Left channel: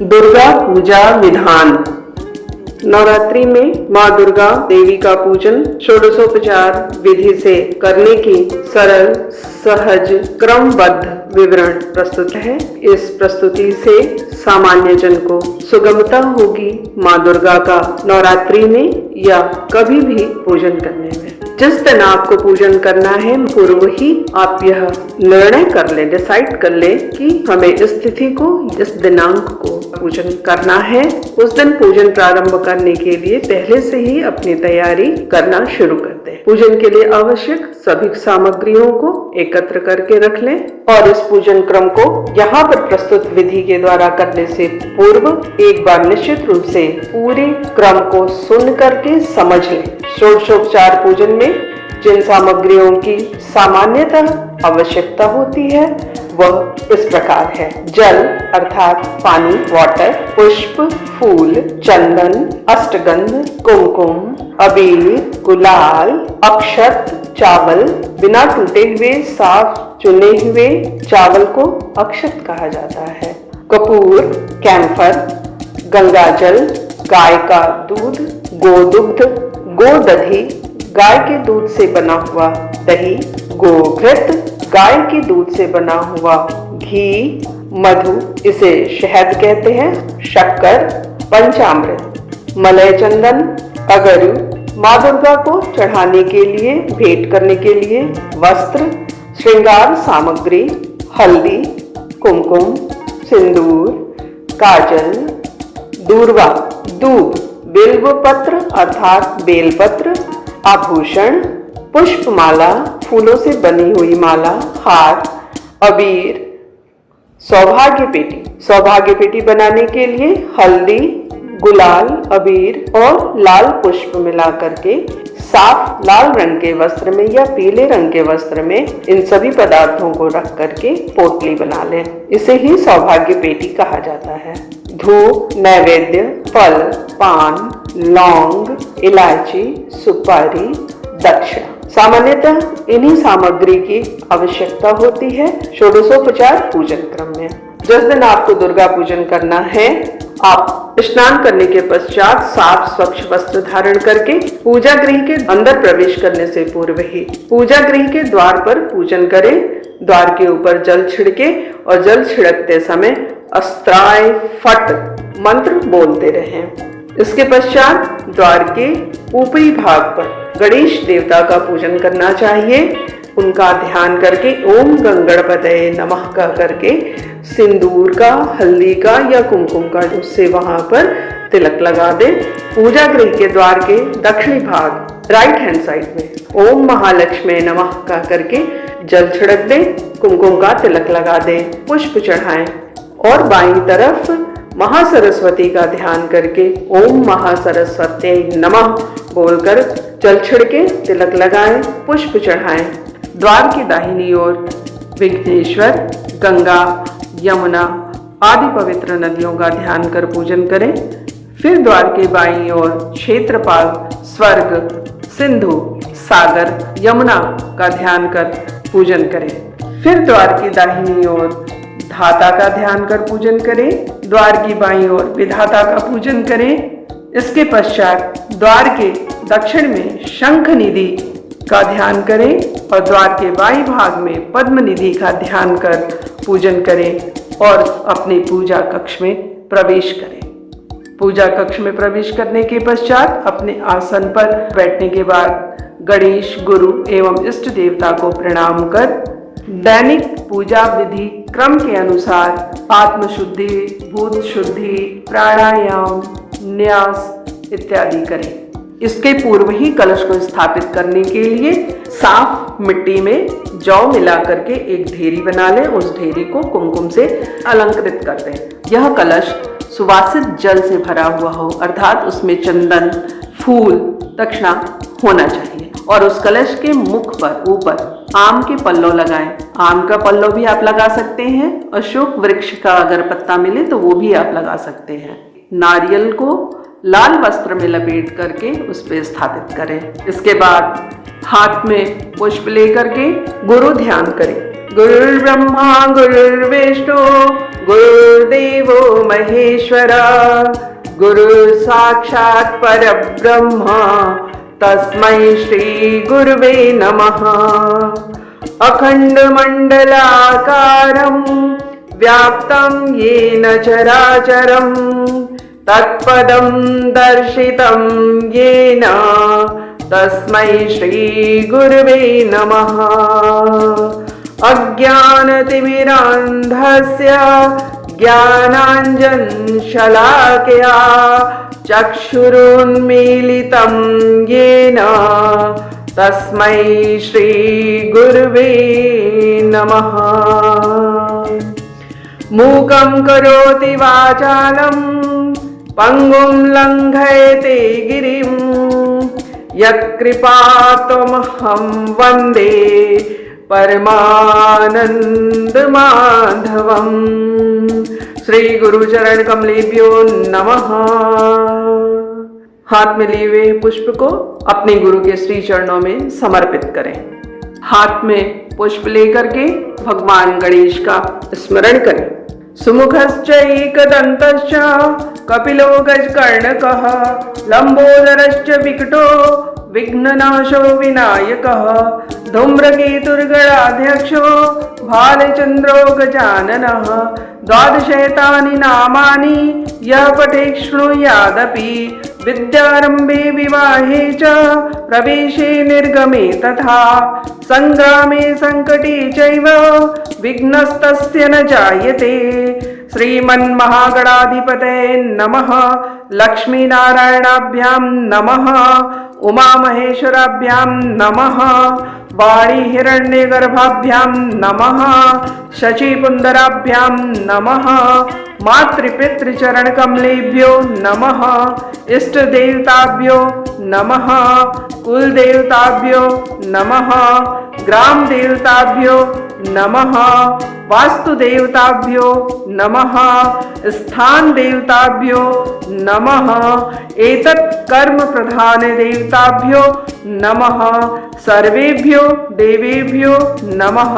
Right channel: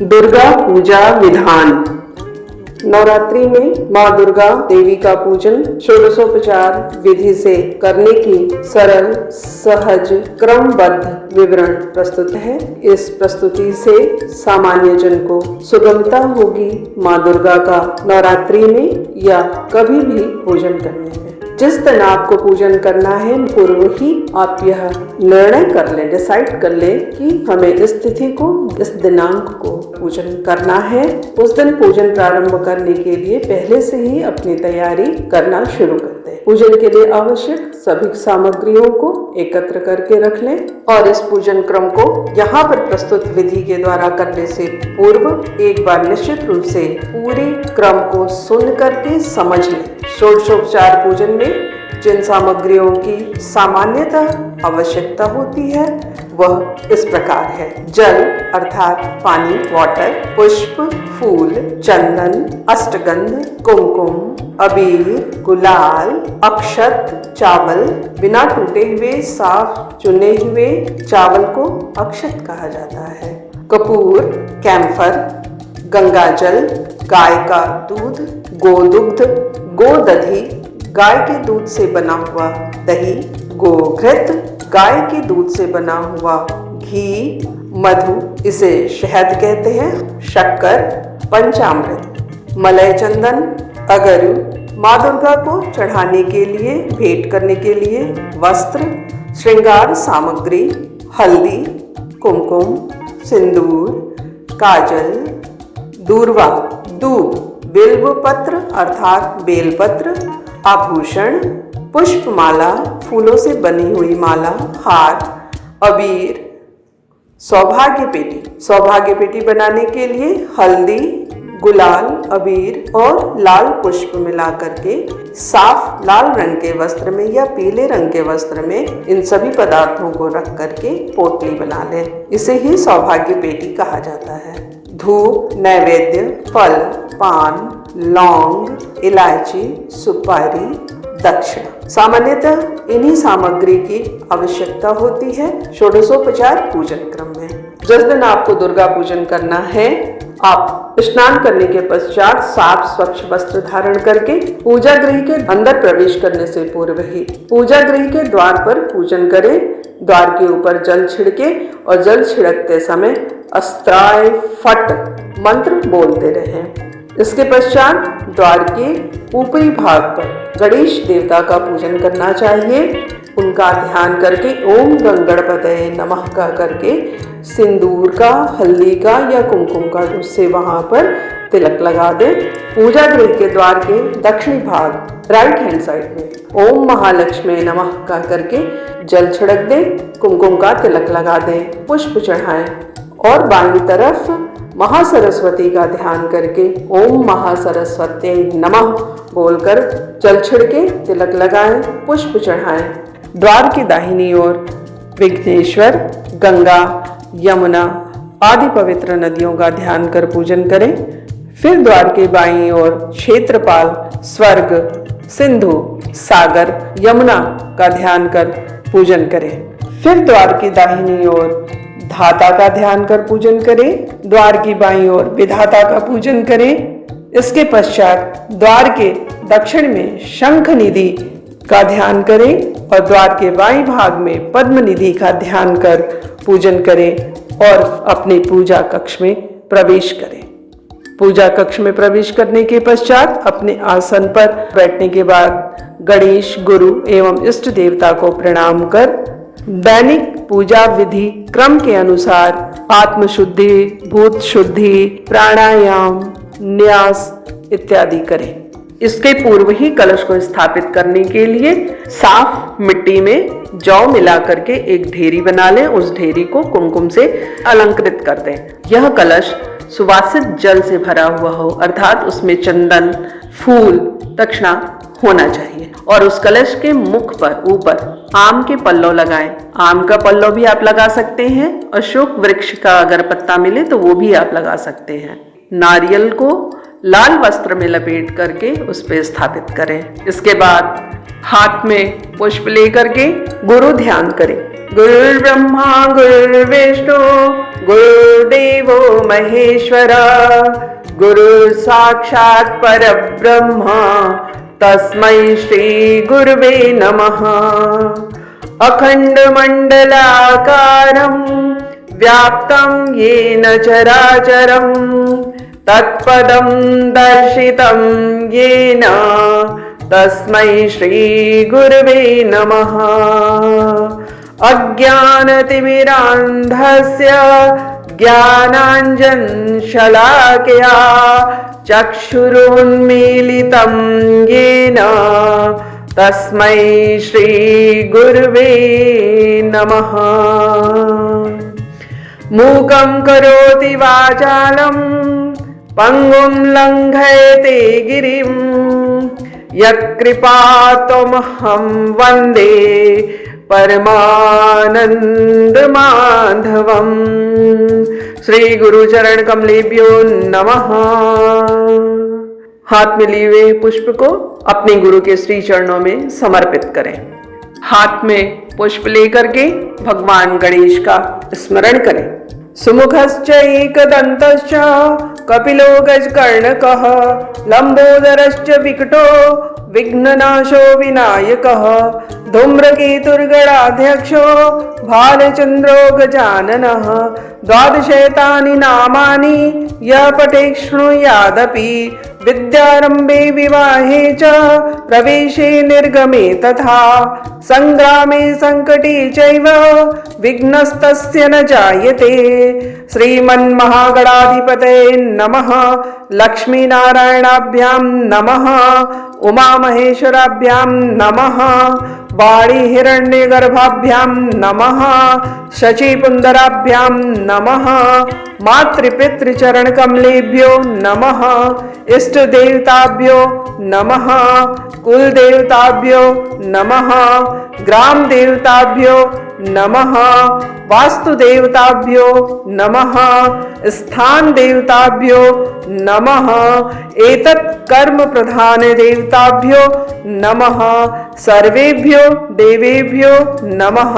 दुर्गा पूजा विधान। नवरात्रि में माँ दुर्गा देवी का पूजन षोडशोपचार विधि से करने की सरल, सहज, क्रमबद्ध विवरण प्रस्तुत है। इस प्रस्तुति से सामान्य जन को सुगमता होगी माँ दुर्गा का नवरात्रि में या कभी भी पूजन करने में। जिस दिन आपको पूजन करना है पूर्व ही आप यह निर्णय कर ले, डिसाइड कर ले कि हमें इस तिथि को, इस दिनांक को पूजन करना है। उस दिन पूजन प्रारंभ करने के लिए पहले से ही अपनी तैयारी करना शुरू कर दें। पूजन के लिए आवश्यक सभी सामग्रियों को एकत्र करके रख लें और इस पूजन क्रम को यहाँ पर प्रस्तुत विधि के द्वारा करने से पूर्व एक बार निश्चित रूप से पूरे क्रम को सुन करके समझ लें। षोडशोपचार पूजन में जिन सामग्रियों की सामान्यतः आवश्यकता होती है वह इस प्रकार है: जल अर्थात पानी, वाटर, पुष्प, फूल, चंदन, अष्टगंध, कुमकुम, अबीर, गुलाल, अक्षत, चावल। बिना टूटे हुए साफ चुने हुए चावल को अक्षत कहा जाता है। कपूर, कैम्फर, गंगाजल, गाय का दूध, गोदुग्ध, गोदधि, गाय के दूध से बना हुआ दही, गोघृत, गाय के दूध से बना हुआ घी, मधु, इसे शहद कहते हैं, शक्कर, पंचामृत, मलय चंदन, अगरु, माँ दुर्गा को चढ़ाने के लिए, भेंट करने के लिए वस्त्र, श्रृंगार सामग्री, हल्दी, कुमकुम, सिंदूर, काजल, दूर्वा, दूब, बिल्व पत्र अर्थात बेलपत्र, आभूषण, पुष्पमाला, फूलों से बनी हुई माला, हार, अबीर, सौभाग्य पेटी बनाने के लिए हल्दी, गुलाल, अबीर और लाल पुष्प मिलाकर के साफ लाल रंग के वस्त्र में या पीले रंग के वस्त्र में इन सभी पदार्थों को रख करके पोटली बना लें। इसे ही सौभाग्य पेटी कहा जाता है। धूप, नैवेद्य, फल, पान, लौंग, इलायची, सुपारी, दक्षिणा। सामान्यतः इन्हीं सामग्री की आवश्यकता होती है षोडशोपचार पूजन क्रम में। जिस दिन आपको दुर्गा पूजन करना है आप स्नान करने के पश्चात साफ स्वच्छ वस्त्र धारण करके पूजा गृह के अंदर प्रवेश करने से पूर्व ही पूजा गृह के द्वार पर पूजन करें। द्वार के ऊपर जल छिड़के और जल छिड़कते समय अस्त्राय फट मंत्र बोलते रहें। इसके पश्चात द्वार के ऊपरी भाग पर गणेश देवता का पूजन करना चाहिए। उनका ध्यान करके ओम गंगणपतये नमः का करके सिंदूर का, हल्दी का या कुमकुम का उससे वहां पर तिलक लगा दें। पूजा गृह के द्वार के दक्षिणी भाग राइट हैंड साइड में ओम महालक्ष्मी नमः का करके जल छिड़क दें, कुमकुम का तिलक लगा दें, पुष्प चढ़ाएं और बाईं तरफ महासरस्वती का ध्यान करके ओम महासरस्वती नमः बोलकर जल छिड़के तिलक लगाएं, पुष्प चढ़ाएं। द्वार की दाहिनी ओर विघ्नेश्वर, गंगा, यमुना आदि पवित्र नदियों का ध्यान कर पूजन करें। फिर द्वार के बाईं ओर क्षेत्रपाल, स्वर्ग, सिंधु, सागर, यमुना का ध्यान कर पूजन करें। फिर द्वार की दाहिनी ओर धाता का ध्यान कर पूजन करें। द्वार की बाईं ओर विधाता का पूजन करें। इसके पश्चात द्वार के दक्षिण में शंख निधि का ध्यान करें और द्वार के बाईं भाग में पद्म निधि का ध्यान कर पूजन करें और अपने पूजा कक्ष में प्रवेश करें। पूजा कक्ष में प्रवेश करने के पश्चात अपने आसन पर बैठने के बाद गणेश, गुरु एवं इष्ट देवता को प्रणाम कर दैनिक पूजा विधि क्रम के अनुसार आत्मशुद्धि, भूत शुद्धि, प्राणायाम, न्यास इत्यादि करें। इसके पूर्व ही कलश को स्थापित करने के लिए साफ मिट्टी में जौ मिला करके एक ढेरी बना लें। उस ढेरी को कुमकुम से अलंकृत कर दें। यह कलश सुवासित जल से भरा हुआ हो अर्थात उसमें चंदन, फूल, दक्षिणा होना चाहिए और उस कलश के मुख पर ऊपर आम के पल्लव लगाएं। आम का पल्लव भी आप लगा सकते हैं। अशोक वृक्ष का अगर पत्ता मिले तो वो भी आप लगा सकते हैं। नारियल को लाल वस्त्र में लपेट करके उस पर स्थापित करें। इसके बाद हाथ में पुष्प लेकर के गुरु ध्यान करें। गुरुर्ब्रह्मा गुरुर्विष्णु गुरुर्देवो महेश्वरा गुरुः साक्षात् परब्रह्म तस्मै श्री गुरुवे नमः। अखण्डमण्डलाकारं व्याप्तं येन चराचरं तत्पदं दर्शितं येन तस्मै श्री गुरुवे नमः। अज्ञानतिमिरान्धस्य ज्ञानाञ्जनशलाकया चक्षुरुन्मीलितं येन तस्मै श्री गुरुवे नमः। मूकं करोति वाचालं पङ्गुं लङ्घयते गिरिं यत्कृपातमहं वन्दे परमानंद माधवम। श्री गुरु चरण कमलेभ्यो नमः। हाथ में लिए हुए पुष्प को अपने गुरु के श्री चरणों में समर्पित करें। हाथ में पुष्प लेकर के भगवान गणेश का स्मरण करें। सुमुखश्च एकदन्तश्च कपिलो गजकर्णकः लंबोदरश्च विकटो विघ्ननाशो विनायकः धूम्रकेतुर्गणाध्यक्षो भालचन्द्रो गजाननः। द्वादशैतानि नामानि यः पठेत् शृणुयादपि विद्यारम्भे विवाहे च प्रवेशे निर्गमे तथा संग्रामे संकटे चैव विघ्नस्तस्य न जायते। श्रीमन्महागणाधिपतये नमः। लक्ष्मीनारायणाभ्यां नमः। उमामहेश्वराभ्यां नमः। वाणी हिरण्यगर्भाभ्यां नमः। शचीपुंदराभ्यां नमः। मातृपितृचरणकमलेभ्यो नमः। इष्टदेवताभ्यो नमः। कुलदेवताभ्यो नमः। ग्रामदेवताभ्यो नमः। वास्तुदेवताभ्यो नमः। स्थानदेवताभ्यो नमः। एतत् कर्म प्रधान देवताभ्यो नमः। सर्वेभ्यो देवेभ्यो नमः।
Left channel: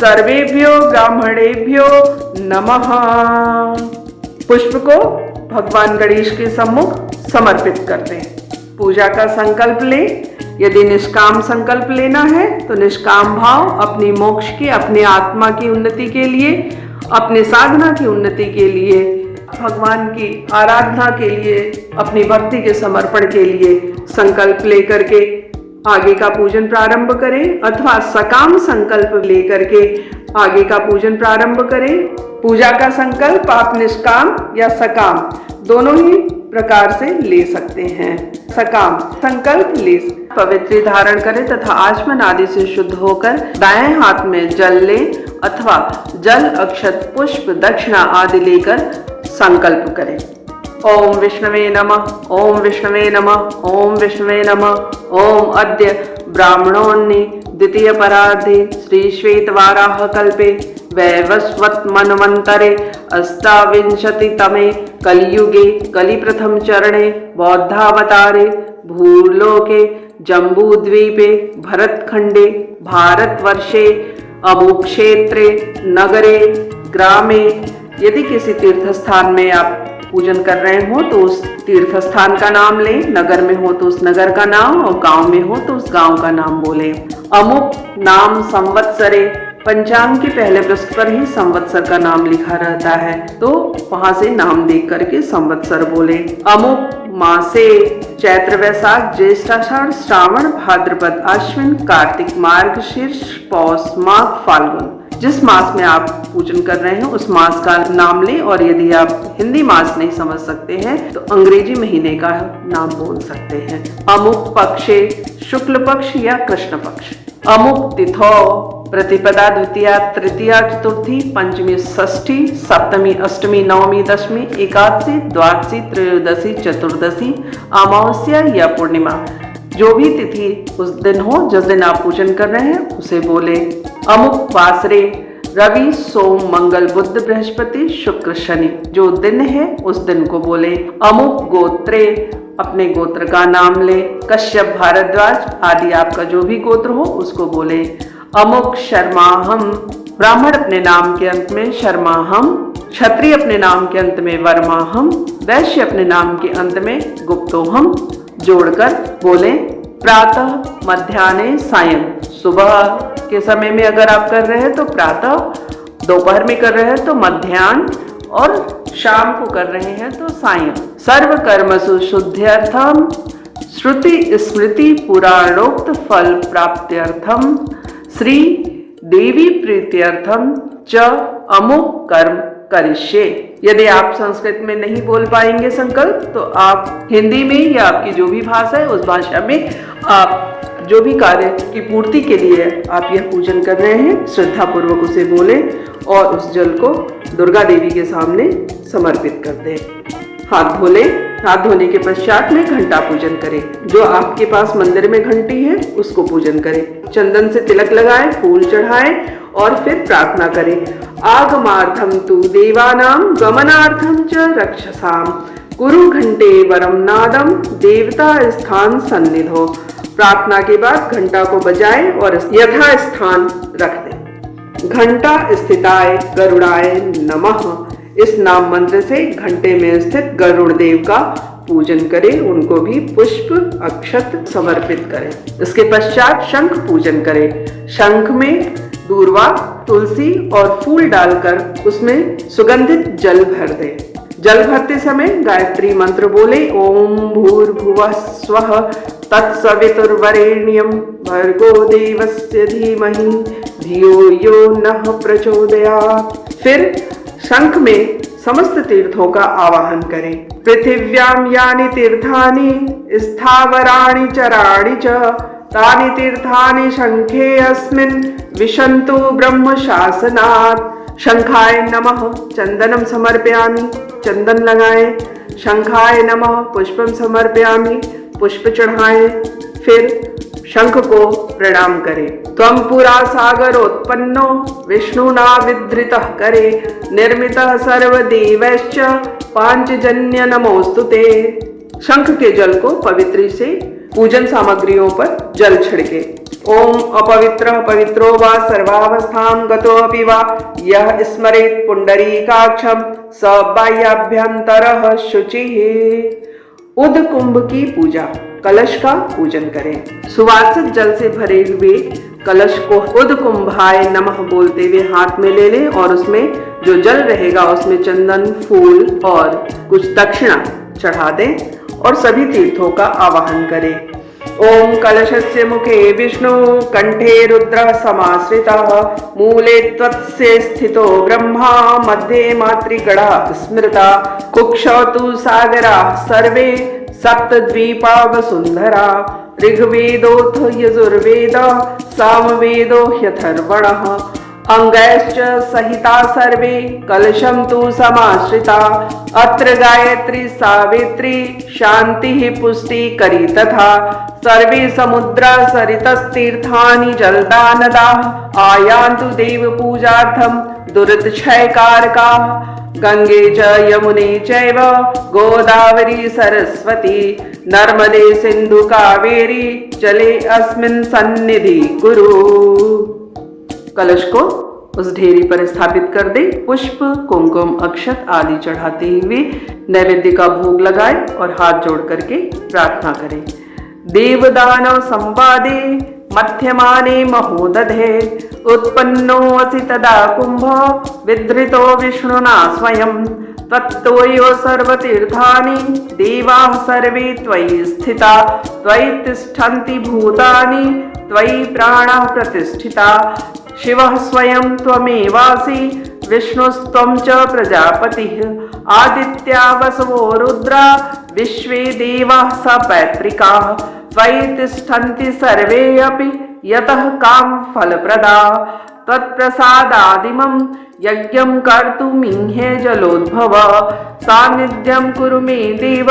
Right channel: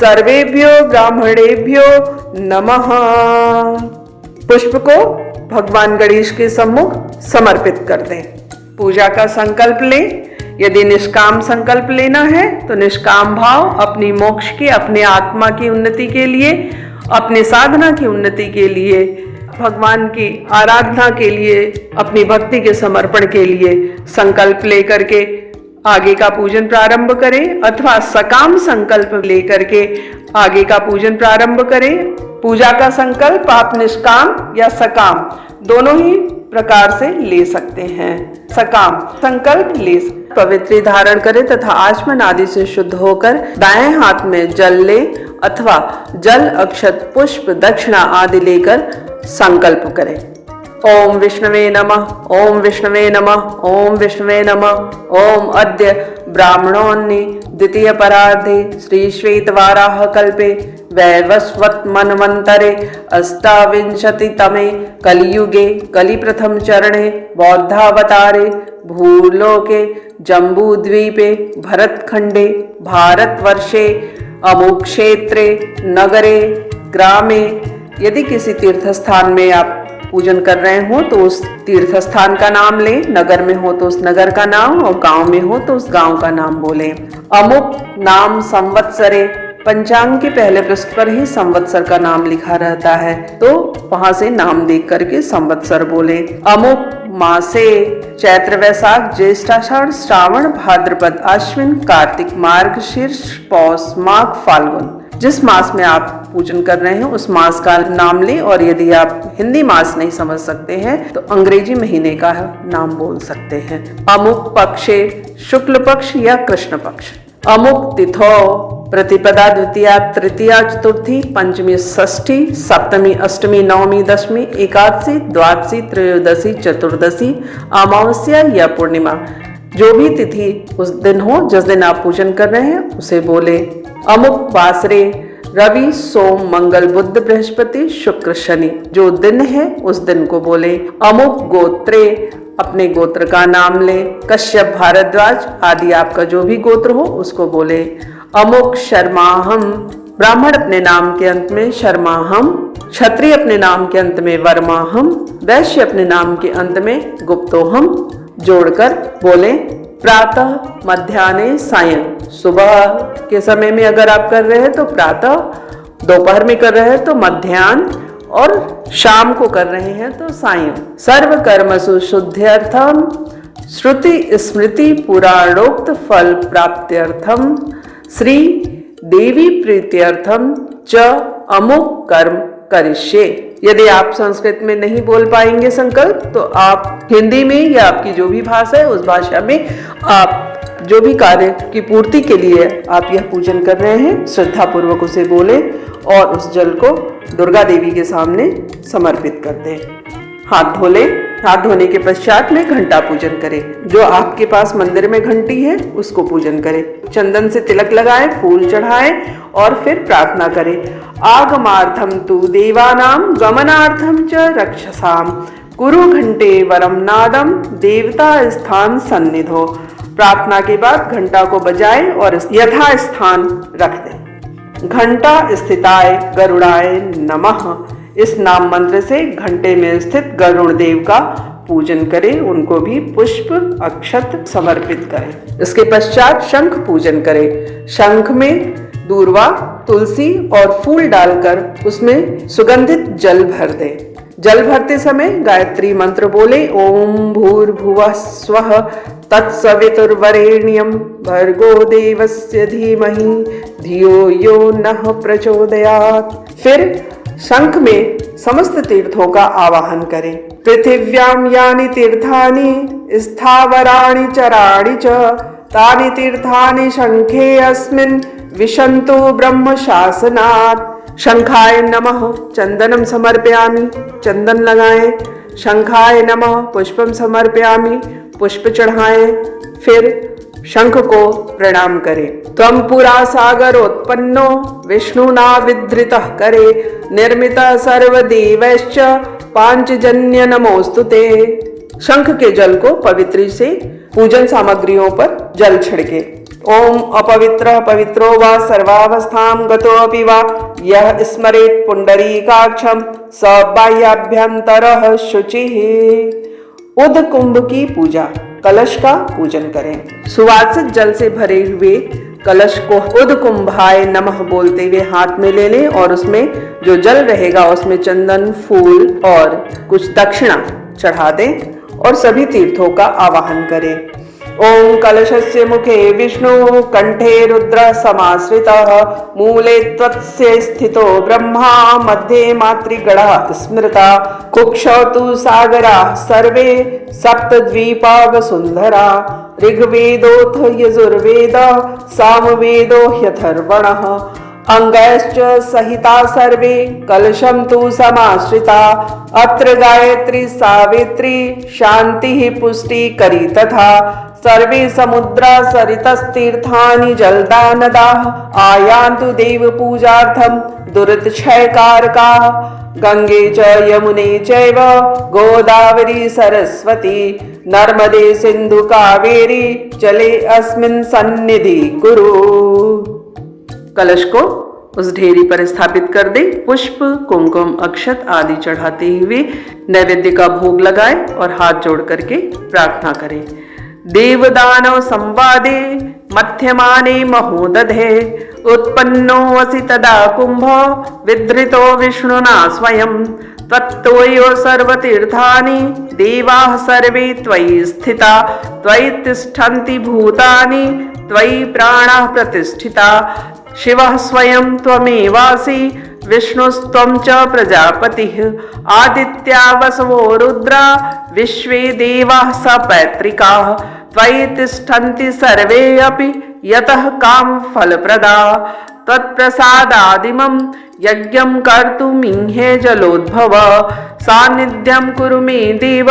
सर्वेभ्यो ब्राह्मणेभ्यो नमः। पुष्प को भगवान गणेश के सम्मुख समर्पित कर दें। पूजा का संकल्प लें। यदि निष्काम संकल्प लेना है तो निष्काम भाव अपनी मोक्ष की, अपने आत्मा की उन्नति के लिए, अपने साधना की उन्नति के लिए, भगवान की आराधना के लिए, अपनी भक्ति के समर्पण के लिए संकल्प लेकर के आगे का पूजन प्रारंभ करें, अथवा सकाम संकल्प लेकर के आगे का पूजन प्रारंभ करें। पूजा का संकल्प आप निष्काम या सकाम दोनों ही प्रकार से ले सकते हैं। सकाम संकल्प ले पवित्र धारण करें तथा आचमन आदि से शुद्ध होकर दाएं हाथ में जल ले अथवा जल, अक्षत, पुष्प, दक्षिणा आदि लेकर संकल्प करें। ओम विष्णवे नमः। ओम विष्णवे नमः। ओम विष्णवे नमः। ओम अद्य ब्राह्मणोन्नि द्वितीय परार्धे श्री श्वेतवाराह कल्पे वैवस्वत मनवंतरे अष्टाविंशतितमे कलियुगे कलिप्रथम चरणे बौद्धावतारे भूलोके जम्बूद्वीपे भरतखंडे भारतवर्षे अमुक्षेत्रे नगरे ग्रामे। यदि किसी तीर्थ स्थान में आप पूजन कर रहे हो तो उस तीर्थ स्थान का नाम लें, नगर में हो तो उस नगर का नाम, और गांव में हो तो उस गांव का नाम बोलें। अमुक नाम संवत्सरे, पंचांग के पहले पृष्ठ पर ही संवत्सर का नाम लिखा रहता है तो वहां से नाम देख करके संवत्सर बोले। अमुक मासे, चैत्र वैशाख ज्येष्ठ आषाढ़ श्रावण भाद्रपद आश्विन कार्तिक मार्गशीर्ष पौष माघ फाल्गुन, जिस मास में आप पूजन कर रहे हैं उस मास का नाम लें। और यदि आप हिंदी मास नहीं समझ सकते हैं तो अंग्रेजी महीने का नाम बोल सकते हैं। अमुक पक्षे, शुक्ल पक्ष या कृष्ण पक्ष। अमुक तिथो, प्रतिपदा द्वितीया तृतीया चतुर्थी पंचमी षष्ठी सप्तमी अष्टमी नवमी दशमी एकादशी द्वादशी त्रयोदशी चतुर्दशी अमावस्या या पूर्णिमा, जो भी तिथि उस दिन हो जिस दिन आप पूजन कर रहे हैं उसे बोले। अमुक वासरे, रवि सोम मंगल बुध बृहस्पति शुक्र शनि, जो दिन है उस दिन को बोले। अमुक गोत्रे, अपने गोत्र का नाम ले। कश्यप भारद्वाज आदि आपका जो भी गोत्र हो उसको बोले। अमुक शर्माहम, ब्राह्मण अपने नाम के अंत में शर्माहम, क्षत्रिय अपने नाम के अंत में वर्माहम, वैश्य अपने नाम के अंत में गुप्तोहम जोड़कर बोले प्रातः, मध्याह्ने, सायं। सुबह के समय में अगर आप कर रहे हैं तो प्रातः, दोपहर में कर रहे हैं तो मध्याह्न और शाम को कर रहे हैं तो सायं। सर्व कर्मसु शुद्ध्यर्थम, श्रुति स्मृति पुराणोक्त फल प्राप्त्यर्थम, श्री देवी प्रीत्यर्थम च अमुक कर्म करिष्ये। यदि आप संस्कृत में नहीं बोल पाएंगे संकल्प, तो आप हिंदी में या आपकी जो भी भाषा है उस भाषा में आप जो भी कार्य की पूर्ति के लिए आप यह पूजन कर रहे हैं श्रद्धा पूर्वक उसे बोलें और उस जल को दुर्गा देवी के सामने समर्पित कर दें। हाथ धो लें। हाथ धोने के पश्चात में घंटा पूजन करें। जो आपके पास मंदिर में घंटी है उसको पूजन करें। चंदन से तिलक लगाएं, फूल चढ़ाएं और फिर प्रार्थना करें। आगमार्थम तु देवानां गमनार्थम च रक्षसाम, कुरु घंटे वरम नादम देवता स्थान सन्निधो। प्रार्थना के बाद घंटा को बजाएं और यथा स्थान रख दें। घंटा स्थिताय गरुड़ाय नमः, इस नाम मंत्र से घंटे में स्थित गरुड़ देव का पूजन करें, उनको भी पुष्प अक्षत समर्पित करें। इसके पश्चात शंख पूजन करें। शंख में दूर्वा, तुलसी और फूल डालकर उसमें सुगंधित जल भर दें। जल भरते समय गायत्री मंत्र बोले ओम भूर्भुवः स्वः तत्सवितुर्वरेण्यं भर्गो देवस्य धीमहि धियो यो नः प्रचोदयात्। फिर शंख में समस्त तीर्थों का आवाहन करें। पृथिव्यां यानि तीर्थानि स्थावराणि चराणि च तानि तीर्थानि शंखे अस्मिन् विशन्तु ब्रह्म शासनात्। शंखाय नमः चंदनम समर्पयामि, चंदन लगाएं। शंखाय नमः पुष्पम समर्पयामि, पुष्प चढ़ाएं। फिर शंख को प्रणाम करें। त्वं पुरा सागरोत्पन्नो विष्णुना विधृतः करे निर्मितः सर्वदेवैश्च पांचजन्य नमोस्तुते। शंख के जल को पवित्री से पूजन सामग्रियों पर जल छिड़के। ओम अपवित्रः पवित्रो वा सर्वावस्थां गतोऽपि वा यः स्मरेत् पुंडरीकाक्षं स बाह्याभ्यन्तरः शुचिः। उद कुंभ की पूजा, कलश का पूजन करें। सुवासित जल से भरे हुए कलश को उद कुंभाय नमः बोलते हुए हाथ में ले लें और उसमें जो जल रहेगा उसमें चंदन, फूल और कुछ दक्षिणा चढ़ा दें और सभी तीर्थों का आवाहन करें। ओम कलशस्य मुखे विष्णु कंठे रुद्र समाश्रितः मूले त्वत्स्य स्थितो ब्रह्मा मध्ये मातृगणः स्मृता कुक्षौ तु सागरा सर्वे सप्तद्वीपा वसुंधरा ऋग्वेदोऽथ यजुर्वेदः सामवेदो ह्यथर्वणः अंगैश्च सहिता सर्वे कलशं तु समाश्रिता अत्र गायत्री सावित्री शान्तिः पुष्टिकरी तथा सर्वे समुद्रा सरितस्तीर्थानि जलदानदाः आयान्तु देव पूजार्थं दुरितक्षयकारकाः गंगे च यमुने चैव गोदावरी सरस्वती नर्मदे सिंधु कावेरी चले अस्मिन् सन्निधि कुरु। कलश को उस ढेरी पर स्थापित कर दे। पुष्प, कुमकुम, अक्षत आदि चढ़ाते हुए नैवेद्य का भोग लगाए और हाथ जोड़ करके प्रार्थना करें। देवदानव संवादे मध्यमाने महोदधे उत्पन्नो असि तदा कुंभ विधृतो विष्णुना स्वयं तत्त्वयो सर्वतीर्थानि देवाः सर्वे त्वयि स्थिता त्वयि तिष्ठन्ति भूतानि त्वयि प्राणाः प्रतिष्ठिता शिवः स्वयं त्वमेवासि विष्णुस्त्वं च प्रजापतिः आदित्या वसवो रुद्रा विश्वे देवाः सपैतृकाः त्वयि तिष्ठन्ति सर्वे अपि यतः काम फलप्रदा तत्प्रसादादिमं यज्ञं कर्तुमीहे जलोद्भव सान्निध्यं कुरु मे देव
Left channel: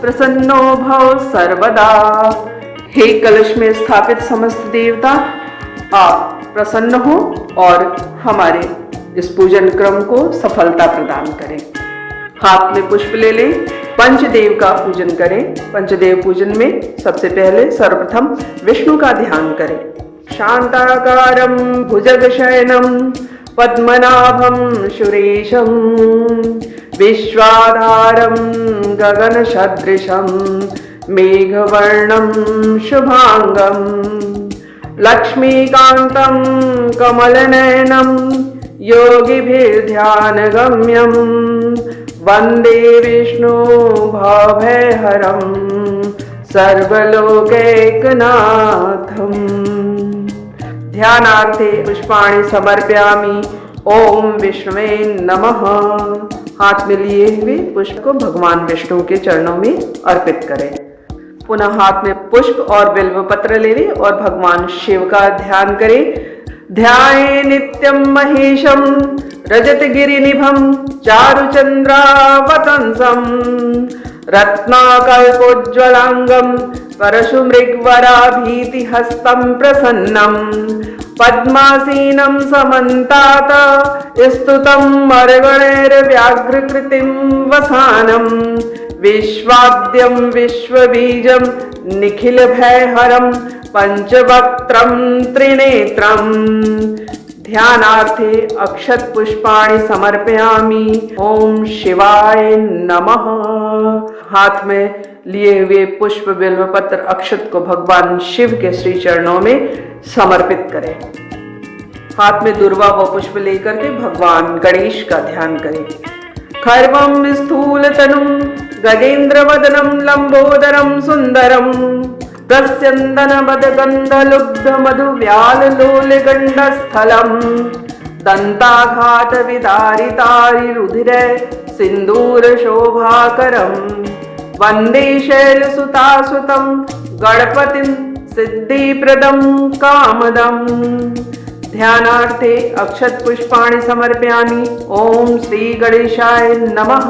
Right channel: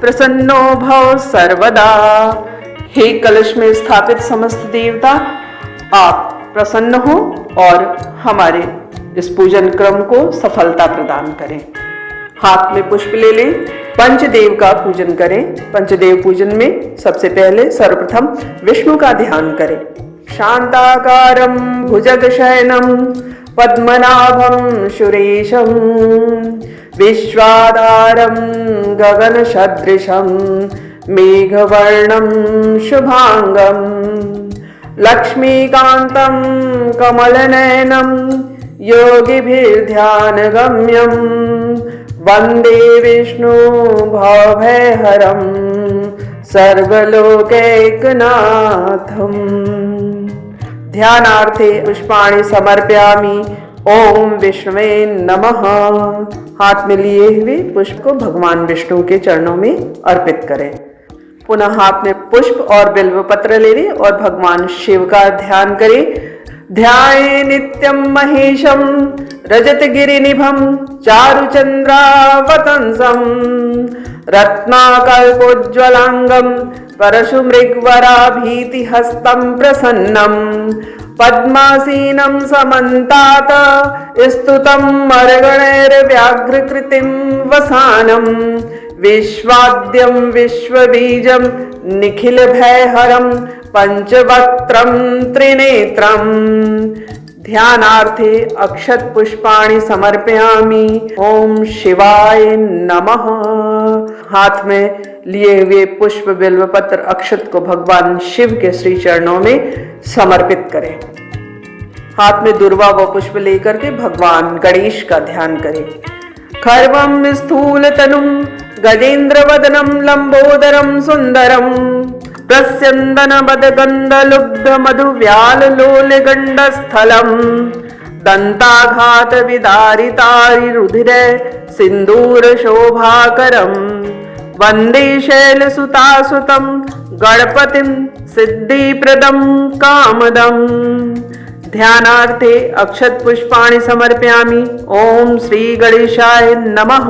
प्रसन्नो भव सर्वदा। हे कलश में स्थापित समस्त देवता, आप प्रसन्न हो और हमारे इस पूजन क्रम को सफलता प्रदान करें। हाथ में पुष्प ले लें। पंचदेव का पूजन करें। पंचदेव पूजन में सबसे पहले सर्वप्रथम विष्णु का ध्यान करें। शांताकारं भुजगशयनं पद्मनाभं सुरेशं विश्वाधारं गगनसदृशं मेघवर्णं शुभांगं लक्ष्मीकान्तं कमलनयनं योगिभिर्ध्यानगम्यं वन्दे विष्णु भवभयहरं सर्वलोकैकनाथम्। ध्यानार्थे पुष्पाणि समर्पयामि। ओम विष्णुवे नमः। हाथ में लिए हुए पुष्प को भगवान विष्णु के चरणों में अर्पित करें। पुनः हाथ में पुष्प और बिल्व पत्र ले लें और भगवान शिव का ध्यान करें। ध्याये नित्यं महेशं रजतगिरिनिभं चारुचन्द्रावतंसं रत्नाकल्पोज्ज्वलांगं परशुमृगवराभीतिहस्तं प्रसन्नं पद्मासीनं समन्तात् स्तुतं मरगणैर्व्याघ्रकृतिं वसानं विश्वाद्यं विश्वबीजं निखिलभयहरं पंचवक्त्रं त्रिनेत्रं। ध्यानार्थे अक्षत पुष्पाणि समर्पयामि। ओम शिवाय नमः। हाथ में लिए हुए पुष्प बिल्व पत्र अक्षत को भगवान शिव के श्री चरणों में समर्पित करें। हाथ में दुर्वा व पुष्प लेकर के भगवान गणेश का ध्यान करें। खर्वं स्थूलतनुं गजेन्द्रवदनं लंबोदरं सुंदरं प्रस्यन्दनमदगन्धलुब्धमधुव्याललोलगण्डस्थलं दन्ताघातविदारितारिरुधिरे सिन्दूरशोभाकरं वन्दे शैलसुतासुतं गणपतिं सिद्धिप्रदं कामदम्। ध्यानार्थे अक्षत पुष्पाणि समर्पयामि। ओम श्री गणेशाय नमः।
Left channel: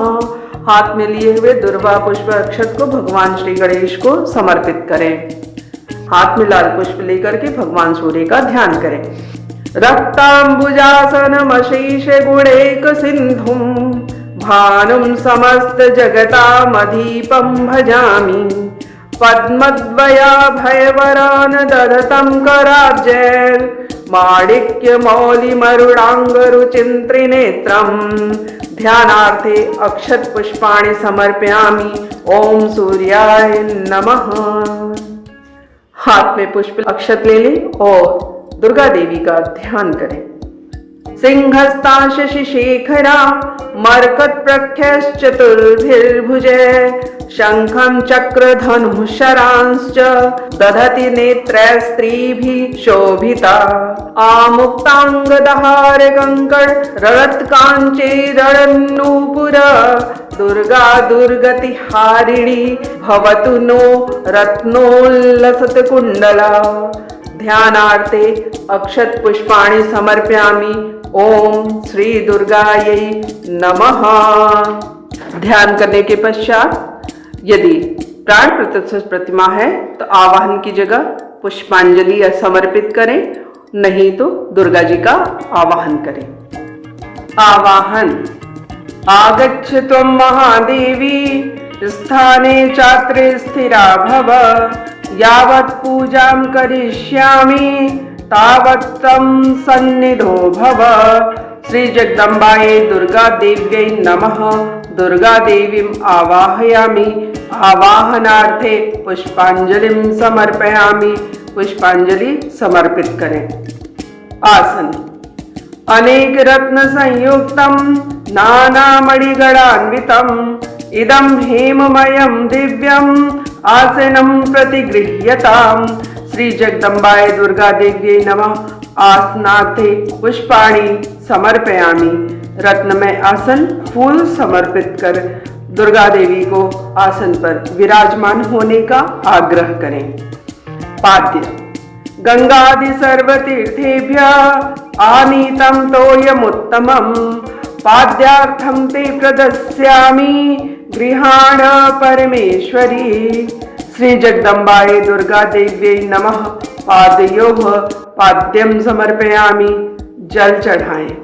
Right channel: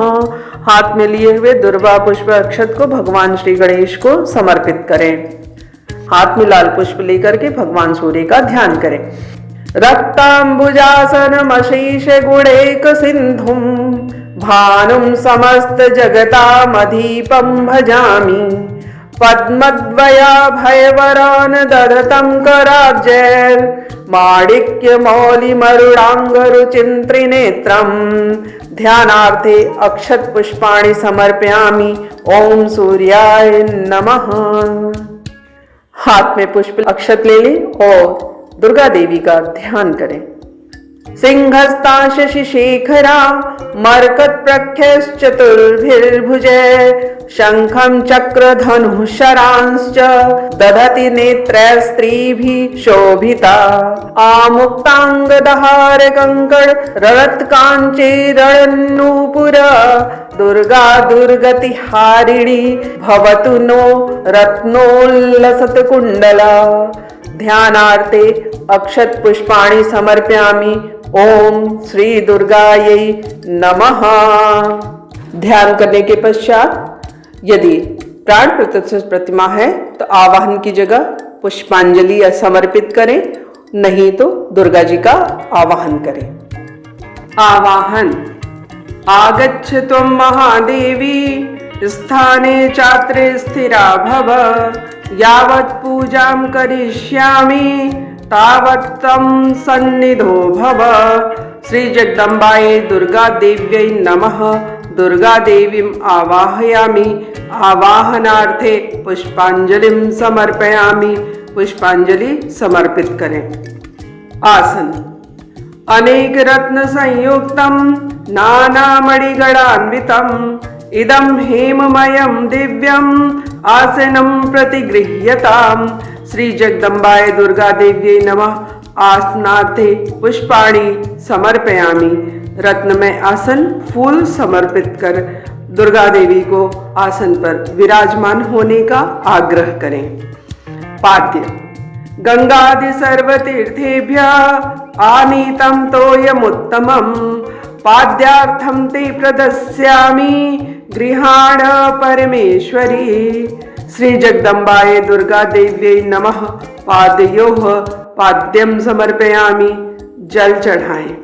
हाथ में लिए हुए दुर्वा पुष्प अक्षत को भगवान श्री गणेश को समर्पित करें। हाथ में लाल पुष्प लेकर के भगवान सूर्य का ध्यान करें। रक्तांबुजासनमशेष गुणैक सिंधुं भानुं समस्त जगतामधीपं भजामि पद्मद्वयाभयवरान् दधतं कराब्जैर् माणिक्यमौलिमरुडाङ्गरुचिं त्रिनेत्रं। ध्यानार्थे अक्षत पुष्पाणि समर्पयामि। ओम सूर्याय नमः। हाथ में पुष्प अक्षत ले लें और दुर्गा देवी का ध्यान करें। सिंहस्ता शशिशेखरा मरकत प्रख्यश्चतुर्भिर्भुजे शंखं चक्रधनुः शरांश्च दधति नेत्रैस्त्रिभिः शोभिता आमुक्तांगदहार कंकण ररत्काञ्चीरणन्नूपुर दुर्गा दुर्गतिहारिणी भवतु नो रत्नोल्लसत्कुण्डला। ध्यानार्थे अक्षत पुष्पाणि समर्पयामि। ओम श्री दुर्गायै नमः। ध्यान करने के पश्चात यदि प्राण प्रतिष्ठित प्रतिमा है तो आवाहन की जगह पुष्पांजलि समर्पित करें, नहीं तो दुर्गा जी का आवाहन करें। आवाहन। आगच्छ त्वं महादेवी स्थाने चात्रे स्थिरा भव यावत् पूजां करिष्यामि तावत् त्वं सन्निधो भव। श्री जगदम्बायै दुर्गा देव्यै नमः। दुर्गा देवीं आवाहयामि। आवाहनार्थे पुष्पांजलिं समर्पयामि। पुष्पांजलि समर्पित करें। आसन। अनेक रत्न संयुक्तं नानामणिगणान्वितम् इदं हेममयं दिव्यम् आसनं प्रतिगृह्यताम्। श्री जगदम्बाय दुर्गा देव्यै नमः। आसनार्थे पुष्पाणि समर्पयामि। रत्नमय आसन फूल समर्पित कर दुर्गा देवी को आसन पर विराजमान होने का आग्रह करें। पाद्य। गंगादि सर्वतीर्थेभ्यः आनीतं तोयमुत्तमम् पाद्यार्थं ते प्रदस्यामि गृहाण परमेश्वरी। श्री जगदम्बाय दुर्गा देव्यै नमः। पादयोः पाद्यं समर्पयामि। जल चढ़ाएं।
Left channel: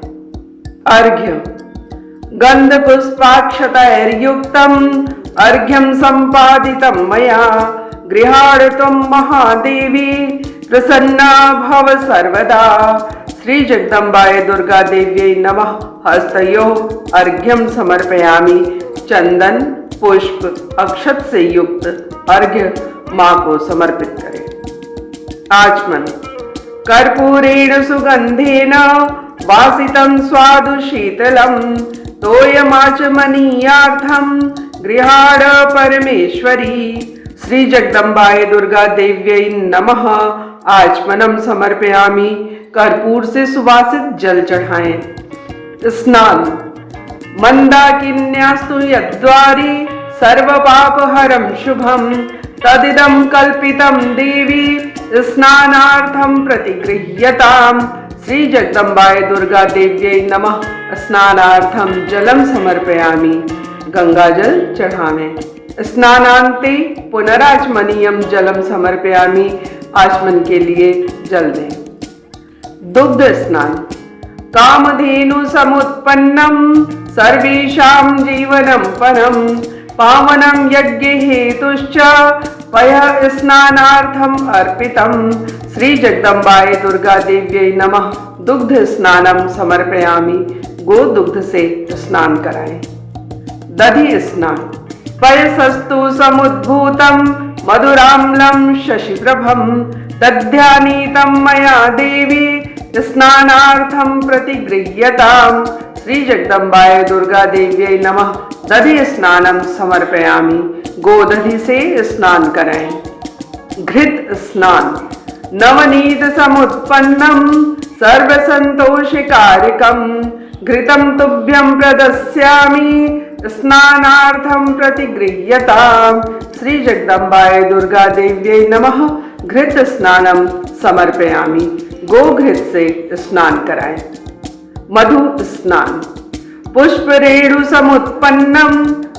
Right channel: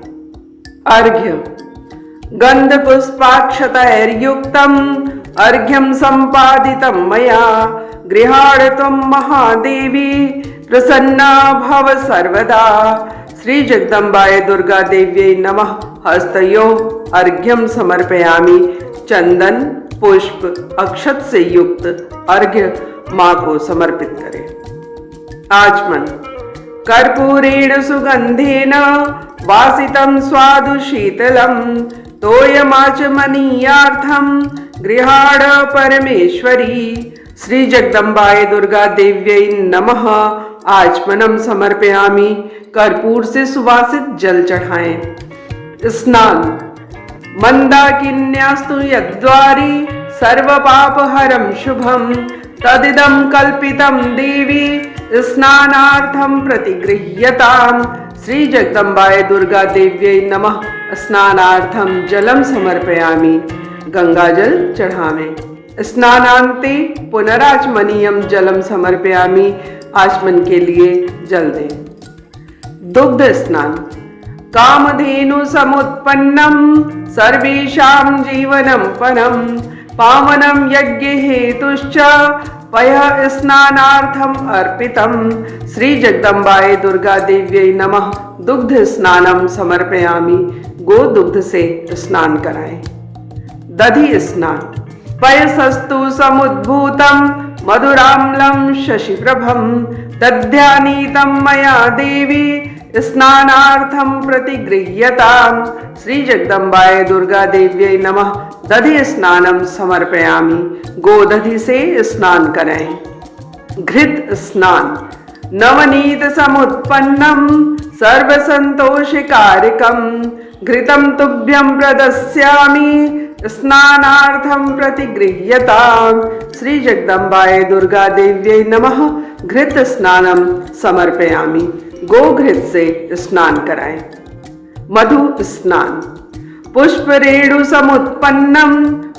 अर्घ्य। गंध पुष्पाक्षतैर्युक्तम् अर्घ्यं संपादितं मया गृहाण त्वं महादेवी प्रसन्ना भव सर्वदा। श्री जगदम्बाय दुर्गा देव्यै नमः। हस्तयोः अर्घ्यं समर्पयामि। चंदन पुष्प अक्षत से युक्त अर्घ्य मां को समर्पित करें। आचमन। कर्पूरेण सुगंधेन वासितं स्वादु शीतलम् तोयमाचमनीयार्थं गृहाण परमेश्वरी। श्री जगदम्बाय दुर्गा देव्यै नमः। आचमनम समर्पयामि। कर्पूर से सुवासित जल चढ़ाएं। स्नान। मंदाकिन्यास्तु यद्वारी सर्व पापहरं शुभम तदिदं कल्पितं देवी स्नानार्थं प्रतिगृह्यताम्। श्री जगदम्बाय दुर्गा देव्यै नमः। स्नानार्थं जलम समर्पयामि। गंगा जल चढ़ावें। स्नानान्ते पुनराचमनीयं जलम समर्पयामि। आचमन के लिए जल दें। दुग्ध स्नान। कामधेनु समुत्पन्नं सर्वेषां जीवनं परं पावनं यज्ञ हेतुश्च पयः स्नानार्थम् अर्पितम्। श्री जगदम्बाय दुर्गा देव्यै नमः। दुग्ध स्नानम समर्पयामि। गो दुग्ध से स्नान कराएं। दधि स्नान। पयसस्तु समुद्भूतं मधुराम्लं शशिप्रभं दध्यानीतं मया देवी स्नानार्थं प्रतिगृह्यताम्। श्री जगदम्बाय दुर्गा देव्यै नमः। दधि स्नानम समर्पयामि। गोदधि से स्नान कराएं। घृत स्नान। नवनीत समुत्पन्नं सर्वसंतोषकारकं घृतं तुभ्यं प्रदस्यामि स्नानार्थं प्रतिगृह्यताम्। श्री जगदम्बाय दुर्गा देव्यै नमः। घृत स्नानम समर्पयामि। गोघृत से स्नान कराएं। मधु स्नान। पुष्परेणु समुत्पन्नं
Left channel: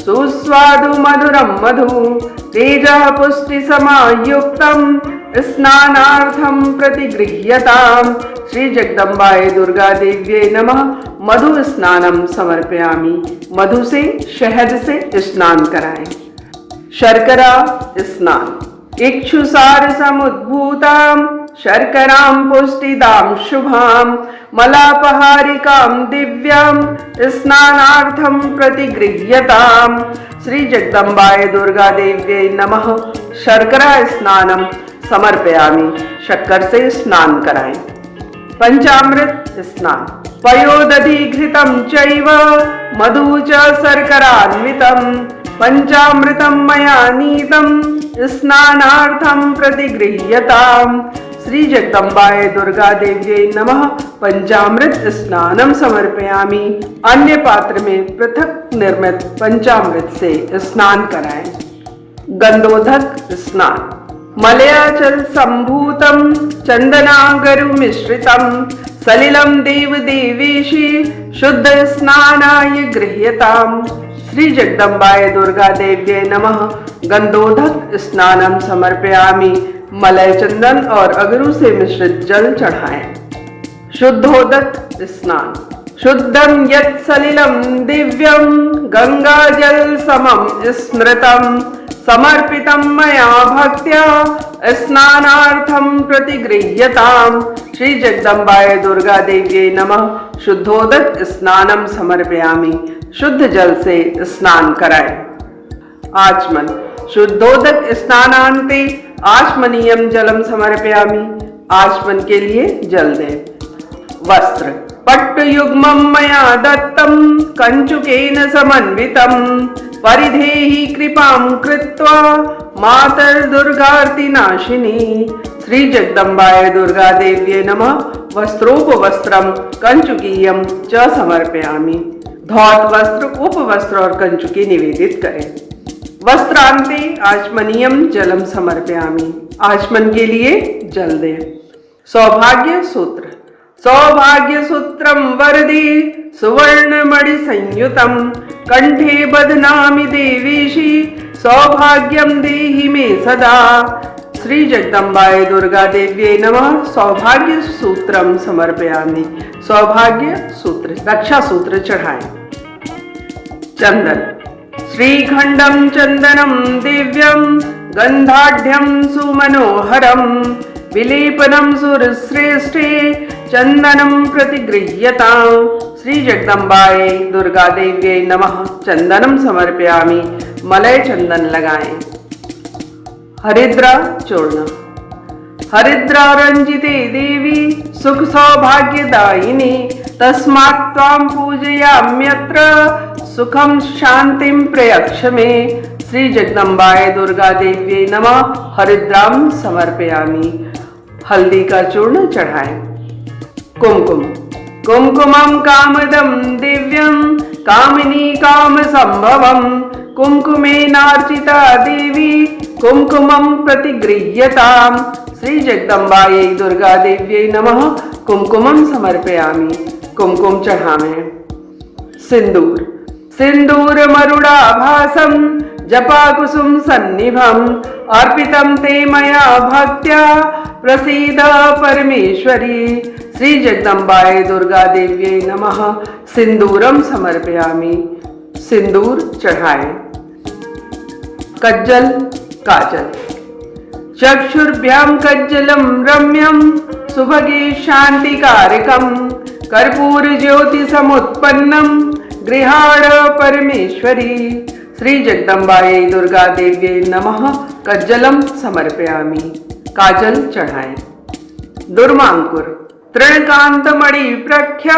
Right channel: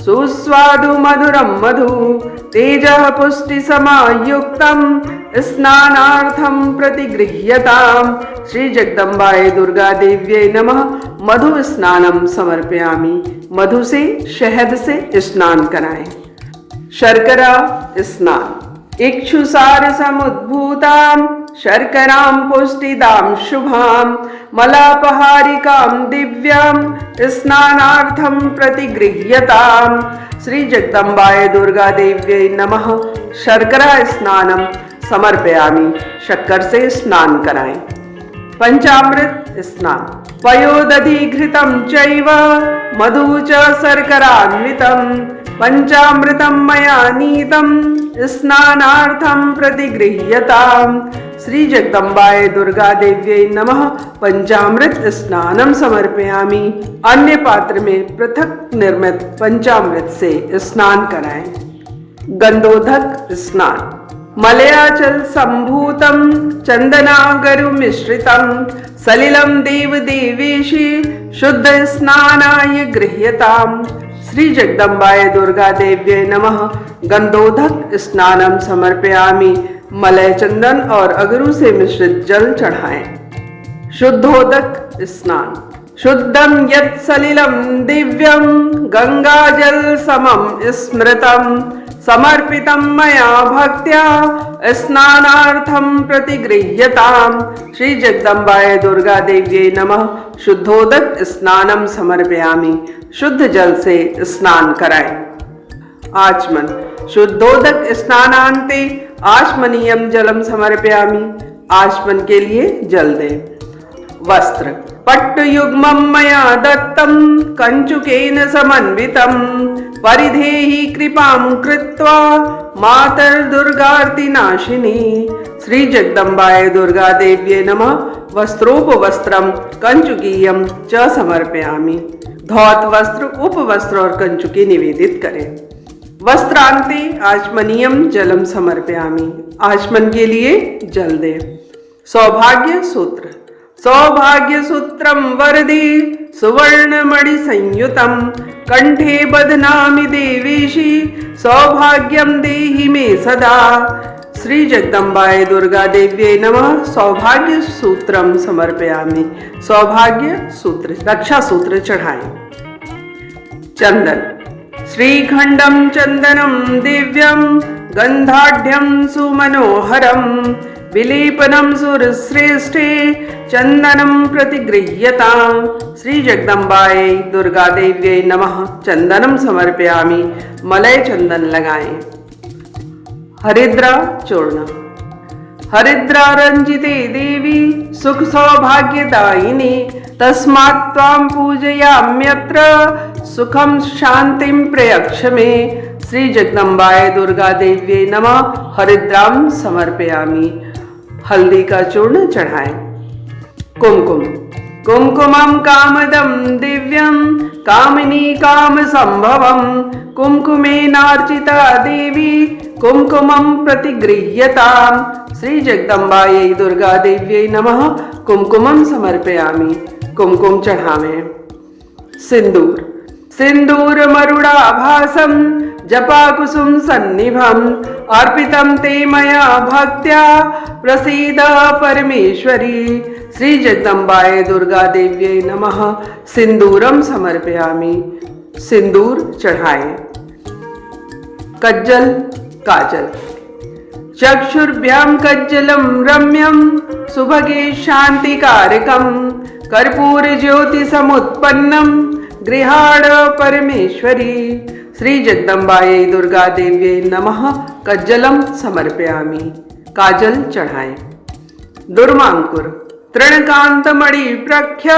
सुस्वादु मधुरं मधु तेजः पुष्टि समायुक्तं स्नानार्थं प्रतिगृह्यताम्। श्री जगदम्बाय दुर्गा देव्यै नमः। मधु स्नानम समर्पयामि। मधु से शहद से स्नान कराएं। शर्करा स्नान। इक्षुसार समुद्भूतां शर्करां पुष्टिदां शुभां मलापहारिकां दिव्यां स्नानार्थं प्रतिगृह्यताम्। श्री जगदम्बाय दुर्गा देव्यै नमः। शर्करा स्नानम समर्पयामि। शक्कर से स्नान कराएं। पंचामृत स्नान। पयोदधि घृतं चैव मधु च शर्करान्वितं पंचामृतं मया नीतं स्नानार्थं प्रतिगृह्यताम्। श्री जगदम्बाय दुर्गा देव्यै नमः। पंचामृत स्नानम समर्पयामि। अन्य पात्र में पृथक निर्मित पंचामृत से स्नान कराएं। गंधोदक स्नान। मलयाचल संभूतं चंदनागरु मिश्रितं सलिलं देव देवेशी शुद्ध स्नानाय गृह्यताम्। श्री जगदम्बाय दुर्गा देव्यै नमः। गंधोदक स्नानम समर्पयामि। मलय चंदन और अगरू से मिश्रित जल चढ़ाएं। शुद्धोदक स्नान। शुद्धं यत् सलिलं दिव्यं गंगाजल समं स्मृतं समर्पितं मया भक्त्या स्नानार्थं प्रतिगृह्यताम्। श्री जगदम्बाय दुर्गा देव्यै नमः। शुद्धोदक स्नानम समर्पयामि। शुद्ध जल से स्नान कराएं। आचमन। शुद्धोदक स्नानान्ते आचमनीयं जलम समर्पयामि। आचमन के लिए जल दें। वस्त्र। पट्टुयुग्मं मया दत्तं कंचुकेन समन्वितं परिधेहि कृपां कृत्वा मातर्दुर्गार्तिनाशिनी। श्री जगदम्बाय दुर्गा देव्यै नमः। वस्त्रोपवस्त्रं कंचुकीयं च समर्पयामि। धौत वस्त्र, उपवस्त्र और कंचुकी निवेदित करें। वस्त्रांते आचमनीयं जलम समर्पयामि। आचमन के लिए जल दें। सौभाग्य सूत्र। सौभाग्य सूत्रम वरदे सुवर्णमणि संयुतं कंठे बध्नामि देवेशी सौभाग्यम देहि मे सदा। श्री जगदम्बाय दुर्गा देव्यै नमः। सौभाग्य सूत्रम समर्पयामि। सौभाग्य सूत्र, रक्षा सूत्र चढ़ाएं। चंदन। श्रीखंडं चंदनं दिव्यं गंधाढ्यं सुमनोहरं विलेपनं सुरश्रेष्ठे चंदनं प्रतिगृह्यताम्। श्री जगदम्बायै दुर्गा देव्यै नमः। चंदनम समर्पयामि। मलय चंदन लगाएं। हरिद्रा चूर्ण। हरिद्रा रंजिते देवी सुख सौभाग्यदायिनी तस्मात् त्वां पूजयाम्यत्र सुखम शांतिम प्रयच्छ मे। श्री जगदम्बाय दुर्गा देव्यै नमः। हरिद्राम समर्पयामि। हल्दी का चूर्ण चढ़ाएं। कुमकुम। कुमकुमं कामदं दिव्यं कामिनी काम संभवं कुमकुमेनार्चिता देवी कुमकुमं प्रतिगृह्यताम्। श्री जगदम्बायै दुर्गा देव्यै नमः। कुमकुमं समर्पयामि। कुमकुम चढ़ावें। सिंदूर। सिंदूर मरुडाभासं जपाकुसुम सन्निभं अर्पितं ते मया भक्त्या प्रसीद परमेश्वरी। श्री जगदम्बायै दुर्गा देव्यै नमः। सिंदूरम समर्पयामि। सिंदूर चढ़ाएं। कज्जल काजल। चक्षुर्भ्यां कज्जलं रम्यं सुभगे शांतिकारकं कर्पूर ज्योति समुत्पन्नं गृहाण परमेश्वरी। श्री जगदम्बायै दुर्गा देव्यै नमः। कज्जलम समर्पयामि। काजल चढ़ाएं। दुर्वांकुर। तृणकांतमणि प्रख्य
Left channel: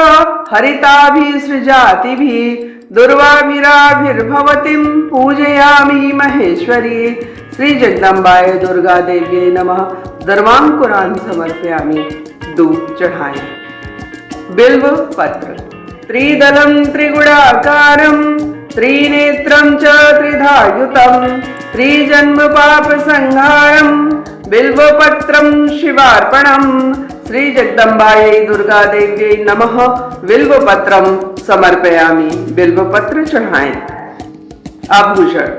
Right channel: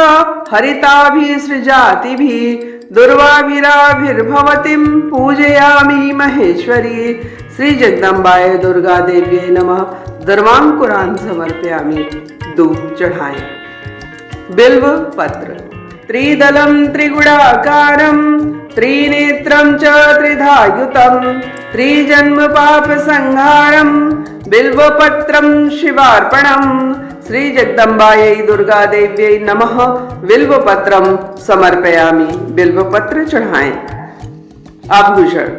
हरिताभिसृजातिभिः दुर्वाभिराभिर्भवतीं पूजयामि महेश्वरी। श्री जगदम्बायै दुर्गा देव्यै नमः। दुर्वांकुरान् समर्पयामि। धूप चढ़ाएं। बिल्व पत्र। त्रिदलं त्रिगुणाकारं त्रिनेत्रं च त्रिधायुतं त्रिजन्म पाप संहारं बिल्वपत्रं शिवार्पणम्। श्री जगदम्बायै दुर्गा देव्यै नमः। बिल्वपत्रं समर्पयामि। बिल्वपत्र चढ़ाएं। आभूषण।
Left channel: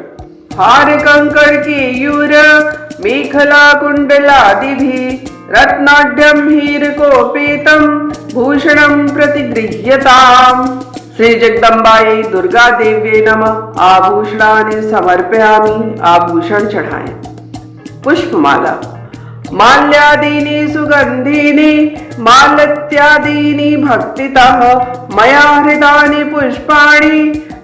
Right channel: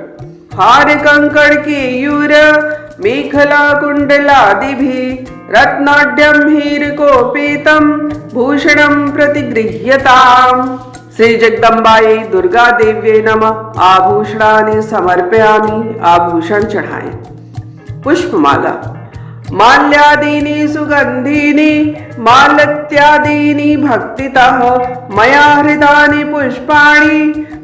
हार कंकड़ केयूर मेखला कुंडलादिभिः रत्नाढ्यं हीरकोपेतं भूषणं प्रतिगृह्यताम्। श्री जगदम्बायै दुर्गा देव्यै नमः। आभूषणानि समर्पयामि। आभूषण चढ़ाएं। पुष्पमाला। माल्यादीनि सुगंधीनि मालत्यादीनि भक्तितः मया हृतानि पुष्पाणि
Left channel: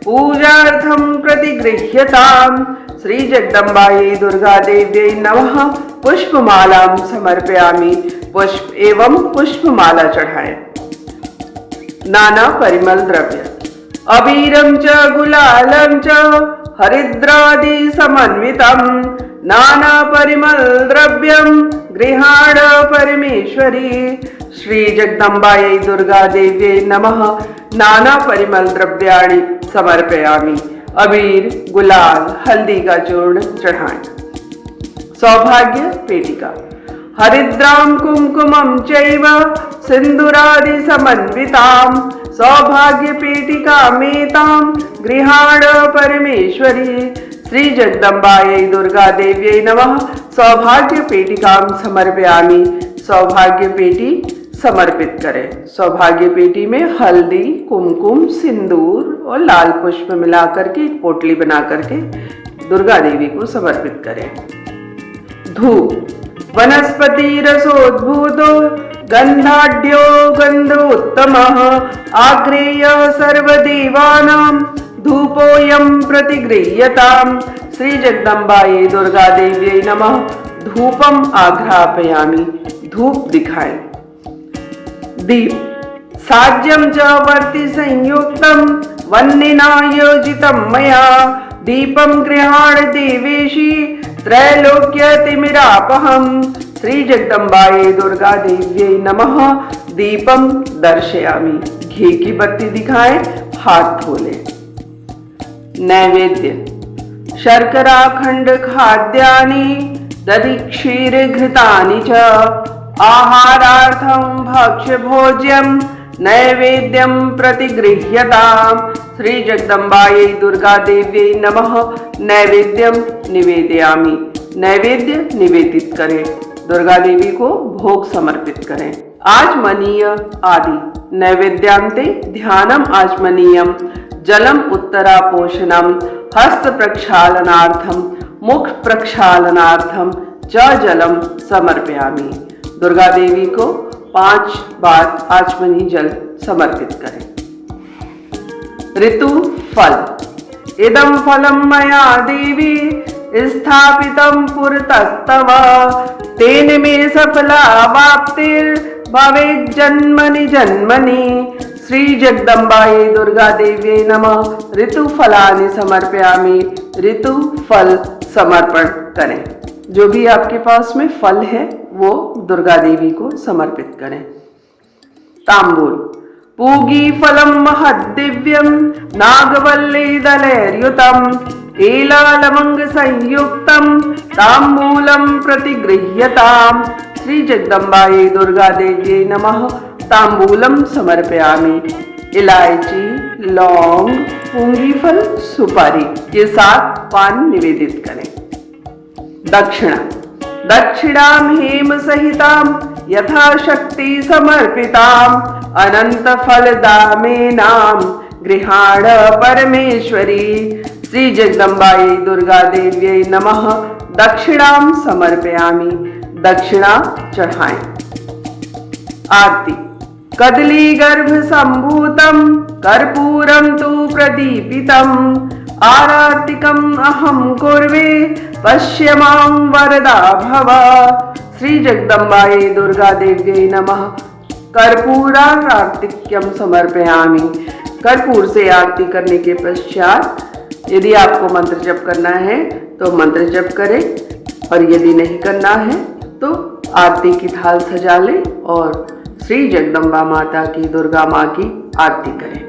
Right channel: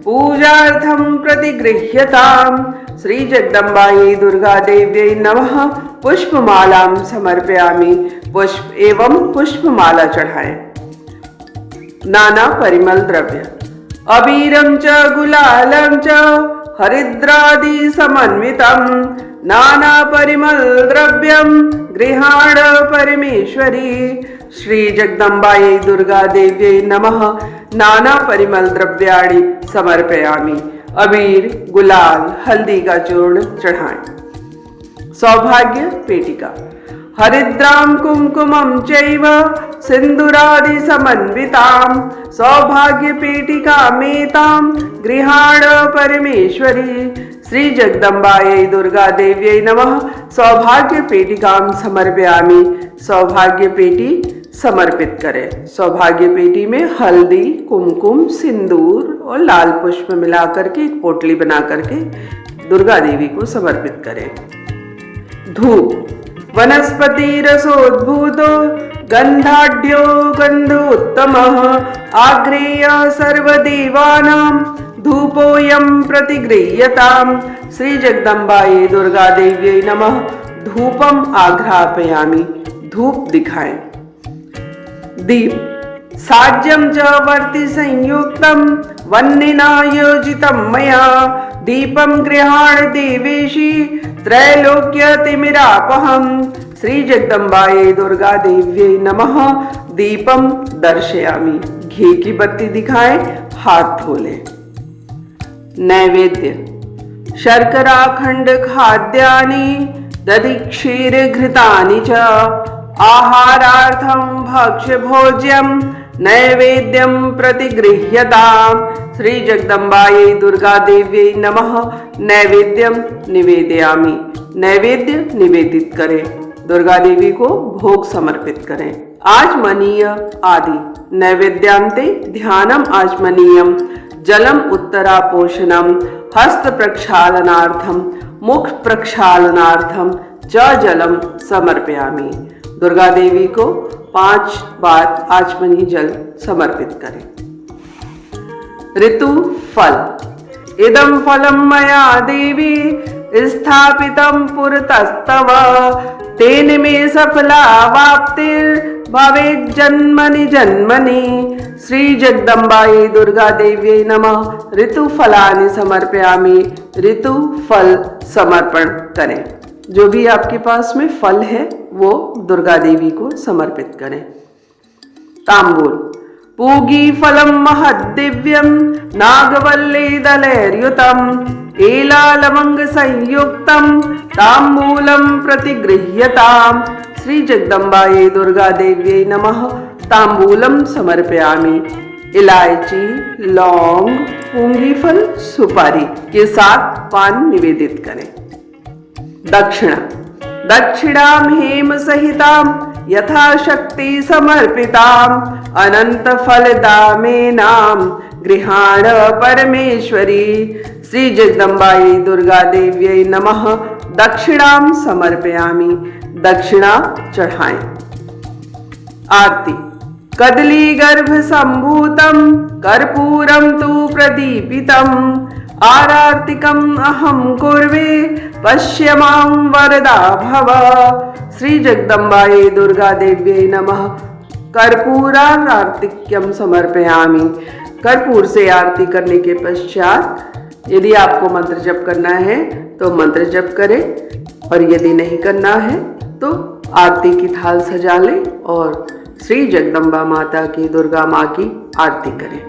पूजार्थं प्रतिगृह्यताम्। श्री जगदम्बायै दुर्गा देव्यै नमः। पुष्पमालां समर्पयामि। पुष्प एवं पुष्पमाला चढ़ाएं। नाना परिमल द्रव्य। अबीरं च गुलालं च हरिद्रादि समन्वितं नाना परिमल द्रव्यं गृहाण परमेश्वरी। श्री जगदम्बायै दुर्गा देव्यै नमः। नाना परिमल द्रव्याणि समर्पयामि। अबीर गुलाल हल्दी का चूर्ण चढ़ाएं। सौभाग्य पेटिका। हरिद्रां कुमकुमं चैव सिंदूरादि समन्वितां सौभाग्य पेटिकामेतां गृहाण परमेश्वरी। श्री जगदम्बायै दुर्गा देव्यै नमः। सौभाग्य पेटिकां समर्पयामि। सौभाग्य पेटी समर्पित करें। सौभाग्य पेटी में हल्दी कुमकुम सिंदूर और लाल पुष्प मिलाकर के एक पोटली बना करके दुर्गा देवी को समर्पित करें। धूप। वनस्पति रसोद्भूतो गंधाढ्यो गंध उत्तमः आग्रेय सर्वदेवानां धूपोऽयं प्रतिगृह्यताम्। श्री जगदम्बायै दुर्गा देव्यै नमः। धूपम आघ्रापयामि। धूप दिखाएं। दीप। साज्यं च वर्ति संयुक्तं वह्निना योजितं मया दीपं गृहाण देवेशी त्रैलोक्यतिमिरापहम्। श्री जगदम्बायै दुर्गा देव्यै नमः। दीपम दर्शयामि। घी की बत्ती दिखाएं। हाथ धोलें। नैवेद्य। शर्कराखंड खाद्यानि दधि क्षीर घृतानि च आहारार्थं भक्ष्य भोज्यं नैवेद्यं प्रतिगृह्यताम्। श्री जगदम्बायै दुर्गा देव्यै नमः। नैवेद्यम निवेदयामि। नैवेद्य निवेदित करें। दुर्गा देवी को भोग समर्पित करें। आचमनीय आदि। नैवेद्यांते ध्यानम आचमनीयम जलम उत्तरापोषणम हस्त प्रक्षालनार्थम मुख प्रक्षालनार्थम च जलम समर्पयामि। दुर्गा देवी को 5 बार आचमनी जल समर्पित करें। ऋतु फल। इदं फलं मया देवी स्थापितं पुरतस्तव तेन मे सफला वाप्तिर्भवेत् जन्मनि जन्मनि। श्री जगदम्बायै दुर्गा देव्यै नमः। ऋतु फलानि समर्पयामि। ऋतु फल समर्पण करें। जो भी आपके पास में फल है वो दुर्गा देवी को समर्पित करें। तांबूल। पूगी फलं महद्दिव्यं नागवल्ली दलैर्युतम् एला लवंग संयुक्तं तांबूलं प्रतिगृह्यताम्। श्री जगदम्बायै दुर्गा देव्यै नमः। तांबूलम समर्पयामि। इलायची, लौंग, पूंगी फल, सुपारी के साथ पान निवेदित करें। दक्षिणा। दक्षिणां हेम सहितां यथाशक्ति समर्पिताम् अनंत फलदामेनां गृहाण परमेश्वरी। श्री जगदम्बायै दुर्गा देव्यै नमः। दक्षिणां समर्पयामि। दक्षिणा चढ़ाएं। आरती। कदली गर्भ संभूतं कर्पूरं तु प्रदीपितम् आरार्तिकम् अहं कुर्वे पश्य मां वरदा भव। श्री जगदम्बायै दुर्गा देव्यै नमः। कर्पूरार्तिक्यम समर्पयामि। कर्पूर से आरती करने के पश्चात यदि आपको मंत्र जप करना है तो मंत्र जप करें और यदि नहीं करना है तो आरती की थाल सजा लें और श्री जगदम्बा माता की, दुर्गा माँ की आरती करें।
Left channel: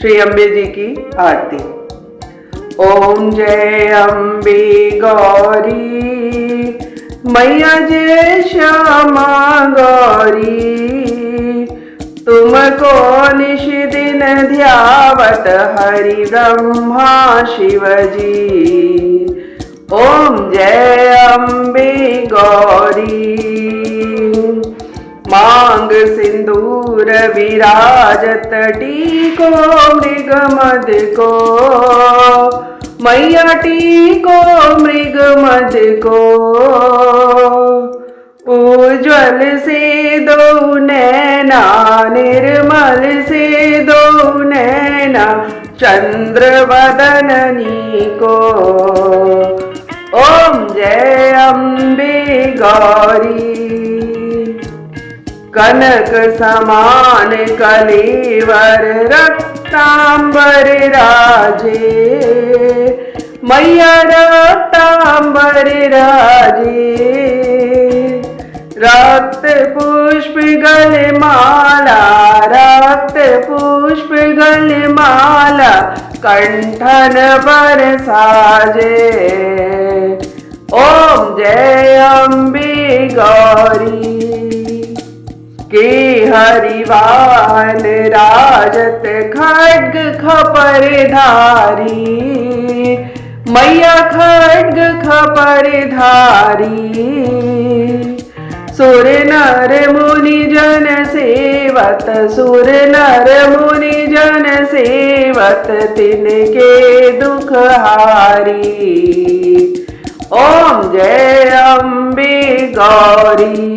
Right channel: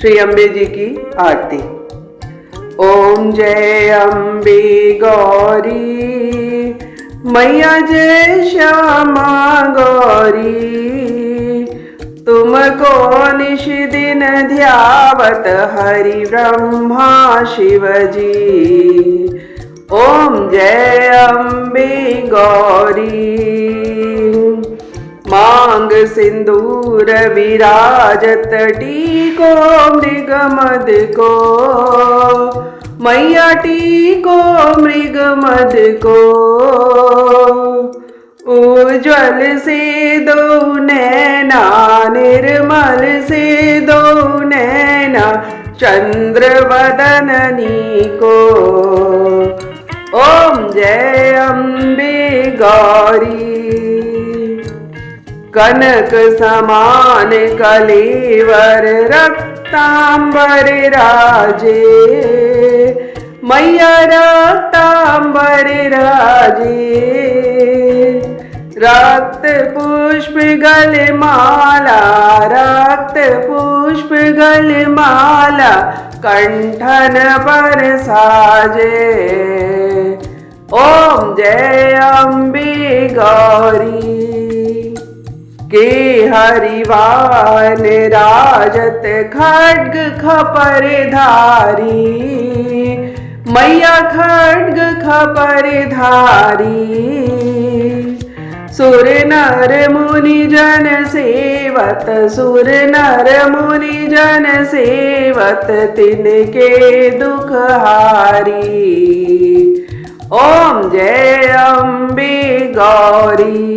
श्री अम्बे जी की आरती। ओम जय अम्बे गौरी मैया जय श्यामा गौरी तुमको निश दिन ध्यावत हरि ब्रह्मा शिव जी। ओम जय अम्बे गौरी मांग सिंदूर विराजत टीको मृग मद को मैया टीको मृग मद को। उज्ज्वल से दो नैना निर्मल से दो नैना चंद्र वदननी को। ओम जय अम्बे गौरी कनक समान कलेवर रक्तांबर राजे मैया रक्तांबर राजे। रक्त पुष्प गल माला रक्त पुष्प गल माला कंठन पर साजे। ओम जय अम्बे गौरी के हरिवान राजत खड्ग खपर धारी मैया खड्ग खपर धारी। सुर नर मुनि जन सेवत सुर नर मुनि जन सेवत तिनके दुख हारी। ओम जय अम्बे गौरी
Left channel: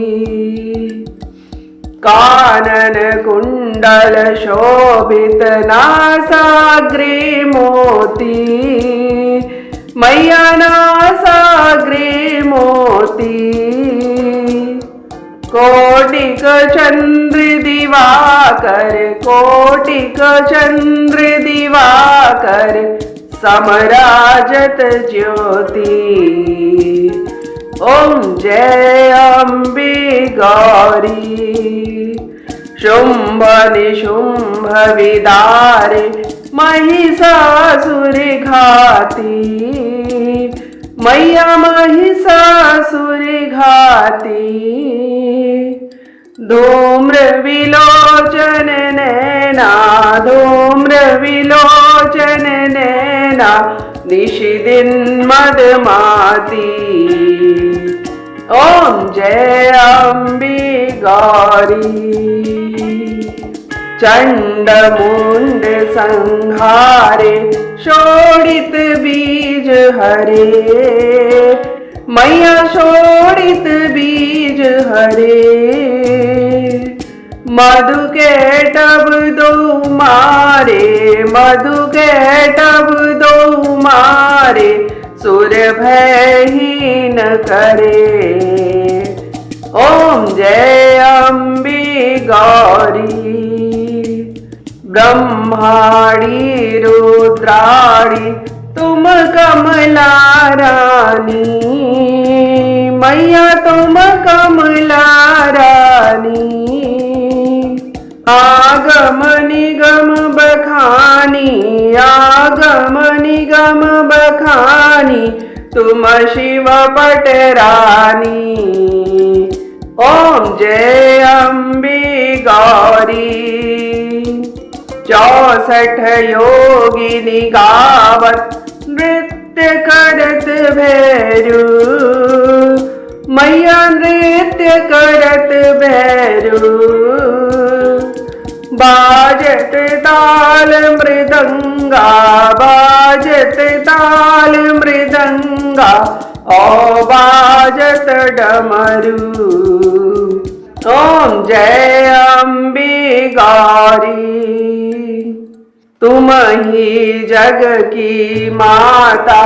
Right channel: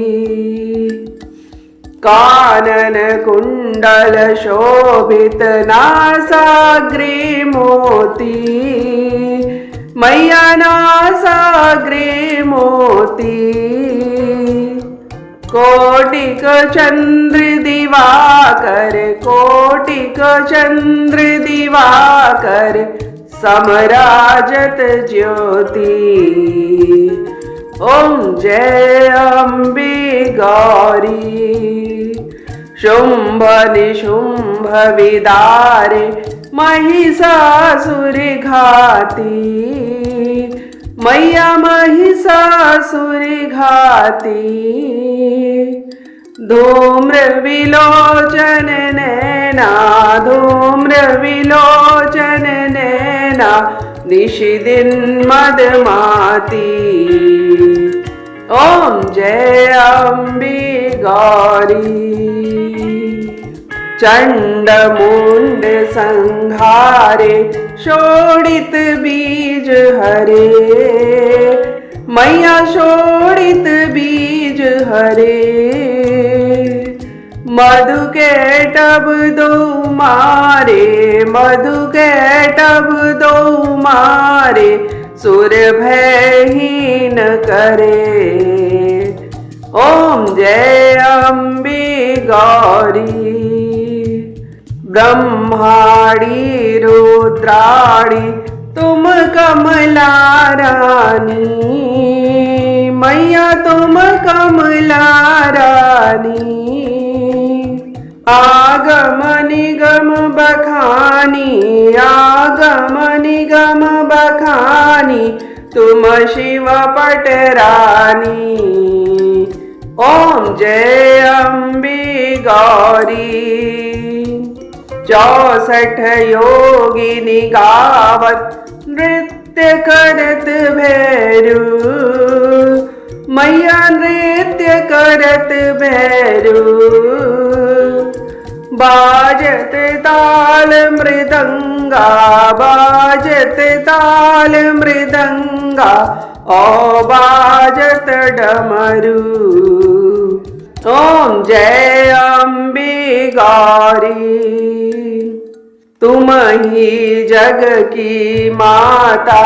कानन कुंडल शोभित नासाग्रे मोती मैया नासाग्रे मोती। कोटिक चंद्र दिवाकर कोटिक चंद्र दिवाकर समराजत ज्योति। ओम जय अम्बे गौरी शुंभ निशुंभ विदारे महिषासुर घाती मैया महिषासुर घाती। धूम्र विलोचन नैना धूम्र विलोचन नैना निशिदिन मदमाती। ओम जय अम्बे गौरी चंड मुंड संहारे शोणित बीज हरे मैया शोणित बीज हरे, मधु के टब दो मारे, मधु के टब दो मारे, सुर भयहीन करे। ओम जय अम्बे गौरी, ब्रह्माणी रुद्राणी तुम कमला रानी, मैया तुम कमला रानी। आगम निगम बखानी, आगम निगम बखानी, तुम शिव पटरानी। ओम जय अम्बे गौरी, 64 योगिनी गावत नृत्य करत भैरू, मैया नृत्य करत भैरू। बाजत ताल मृदंगा, बाजत ताल मृदंगा, ओ बाजत डमरू। ओम जय अम्बे गौरी, तुम ही जग की माता,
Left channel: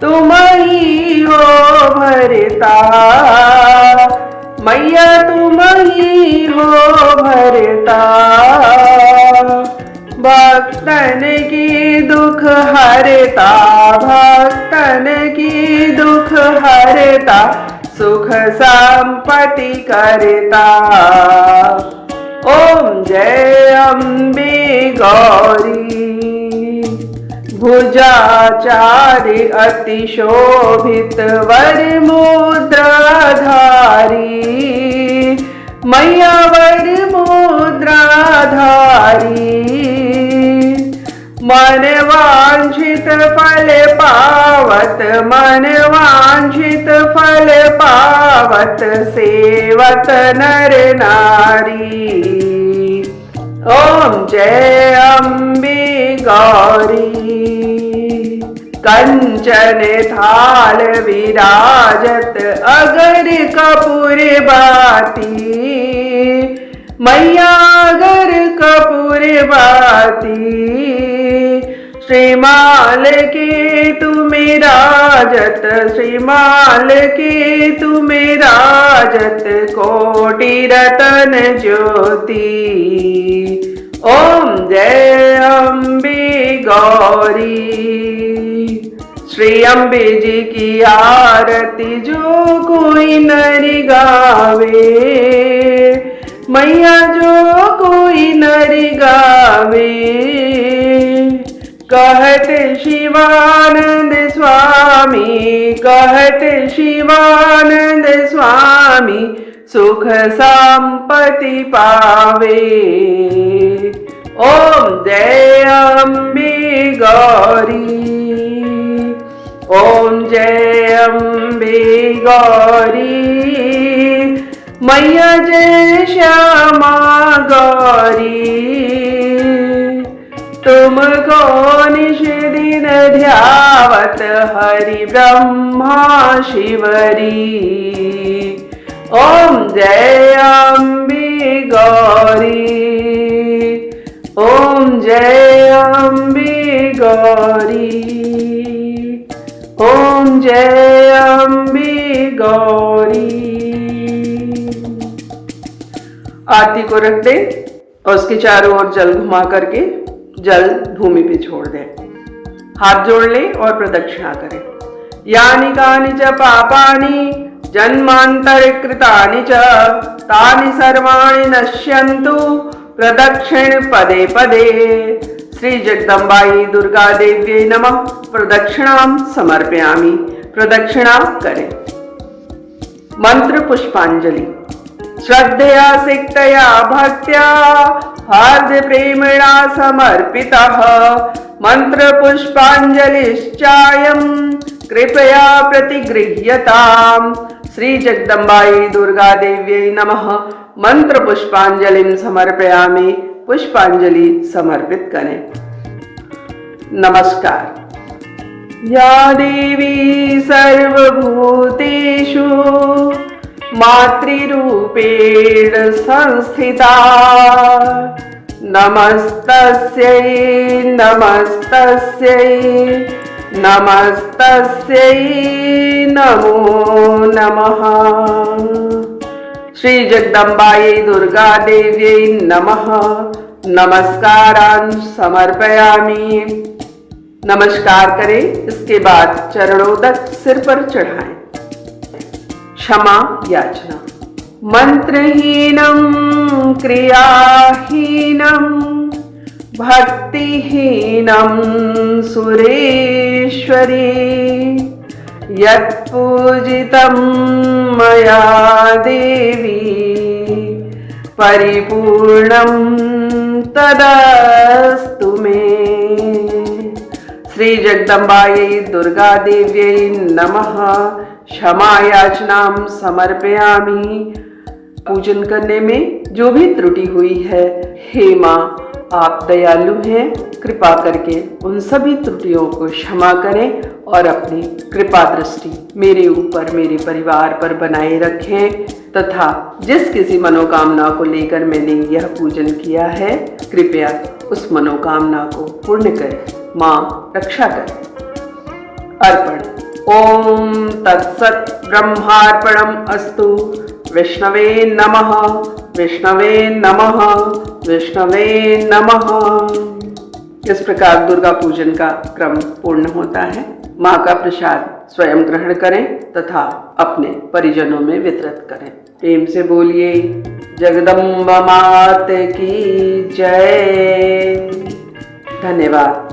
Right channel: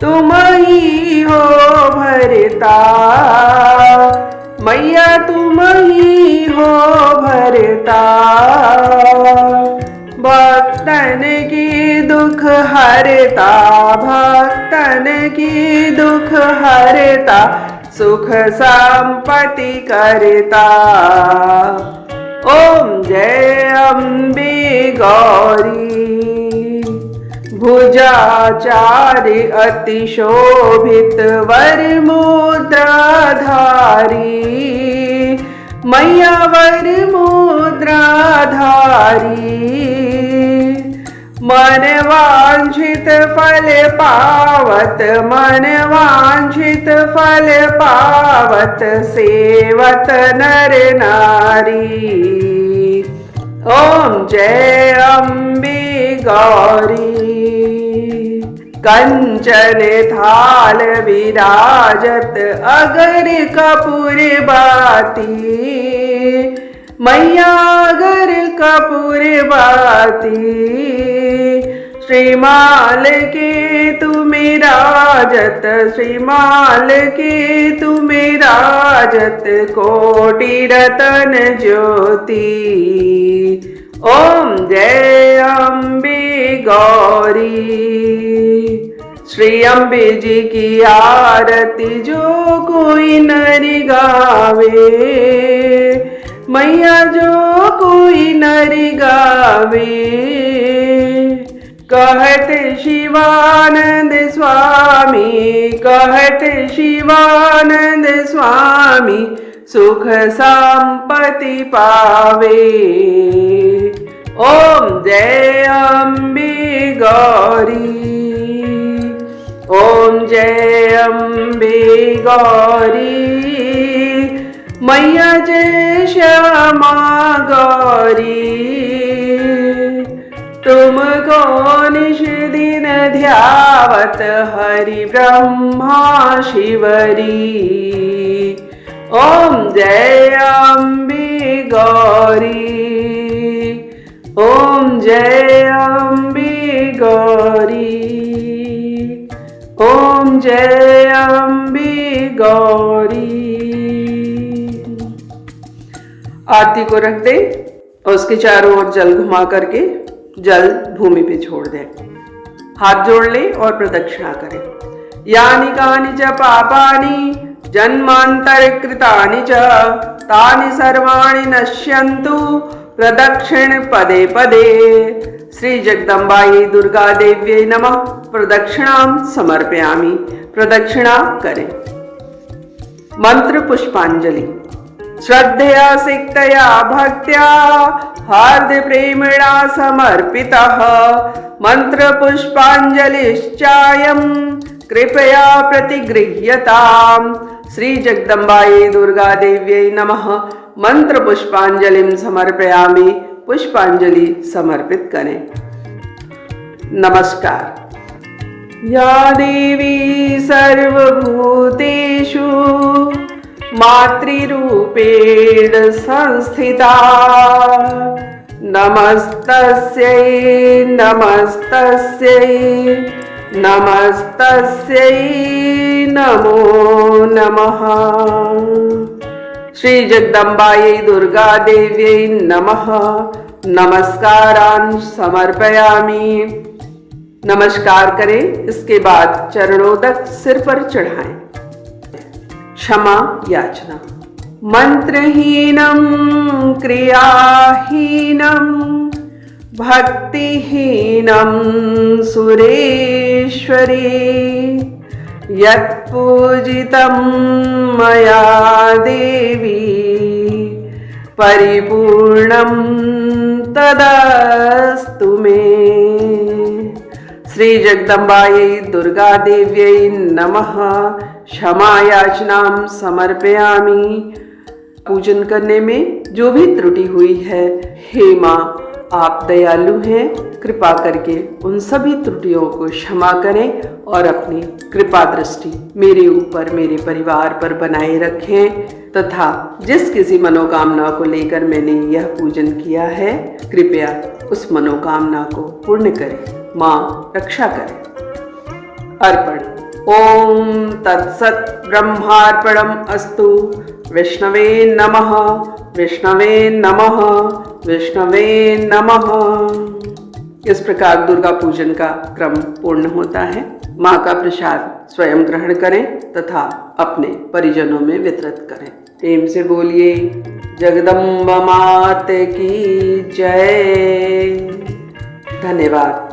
तुम ही हो भरता, मैया तुम ही हो भरता। भक्तन की दुख हरता, भक्तन की दुख हरता, सुख संपत्ति करता। ओम जय अम्बे गौरी, भुजाचारि अति शोभित वर मुद्राधारी, मैया वर मुद्राधारी। मन वांछित फल पावत, मन वांछित फल पावत, सेवत नर नारी। ओम जय अम्बे गौरी, कंचन थाल विराजत अगर कपूर बाती, मैया अगर कपूर बाती। श्रीमाल के तुमे राजत, श्रीमाल के तुमे राजत, कोटि रतन ज्योति। ओम जय अम्बे गौरी, श्री अम्बे जी की आरती जो कोई नर गावे, मैया जो कोई नर गावे। कहत शिवानंद स्वामी, कहत शिवानंद स्वामी, सुख संपत्ति पावे। ओम जय अम्बे गौरी, ओम जय अम्बे गौरी, मैया जय श्यामा गौरी। तुमको निश दिन ध्यावत हरि ब्रह्मा शिवरी। ओम जय अम्बे गौरी, ओम जय अम्बे गौरी, ओम जय अम्बे गौरी। आरती को रख दे और उसके चारों ओर जल घुमा करके जल भूमि पे छोड़ दे। हाथ जोड़ ले और प्रदक्षिणा करें। यानि कानि च पापानि जन्मांतरकृतानि च तानि सर्वाणि नश्यन्तु प्रदक्षिण पदे पदे। श्री जगदम्बाई दुर्गा देव्यै नमः। प्रदक्षिणां समर्पयामि। प्रदक्षिणा करें। मंत्र पुष्पांजलि। श्रद्धया सिक्तया भक्त्या हार्द प्रेमणा समर्पितः मंत्र पुष्पांजलिश्चायं कृपया प्रतिगृह्यताम्। श्री जगदम्बाई दुर्गा देव्यै नमः। मंत्र पुष्पांजलिं समर्पयामि। पुष्पांजलि समर्पित करें। नमस्कार। या देवी सर्वभूतेषु मातृरूपेण संस्थिता नमस्तस्यै नमस्तस्यै नमस्तस्यै नमो नमः। श्री जगदम्बायै दुर्गा देव्यै नमः। नमस्कारान् समर्पयामि। नमस्कार करें, इसके बाद चरणोदक सिर पर चढ़ाएं। क्षमा याचना। मंत्रहीनं क्रियाहीनं भक्तिहीनं सुरेश्वरी यत्पूजितं मया देवी परिपूर्णं तदस्तु मे। श्री जगदम्बायै दुर्गा देव्यै नमः। क्षमा याचनां समर्पयामि। पूजन करने में जो भी त्रुटि हुई है, हे माँ आप दयालु हैं, कृपा करके उन सभी त्रुटियों को क्षमा करें और अपनी कृपा दृष्टि मेरे ऊपर, मेरे परिवार पर बनाए रखें तथा जिस किसी मनोकामना को लेकर मैंने यह पूजन किया है, कृपया उस मनोकामना को पूर्ण करें। माँ रक्षा करें। अर्पण। ओम तत्सत ब्रह्मार्पणम अस्तु। विष्णवे नमः विष्णवे नमः विष्णवे नमः। इस प्रकार दुर्गा पूजन का क्रम पूर्ण होता है। माँ का प्रसाद स्वयं ग्रहण करें तथा अपने परिजनों में वितरित करें। प्रेम से बोलिए जगदम्बा मात की जय। धन्यवाद।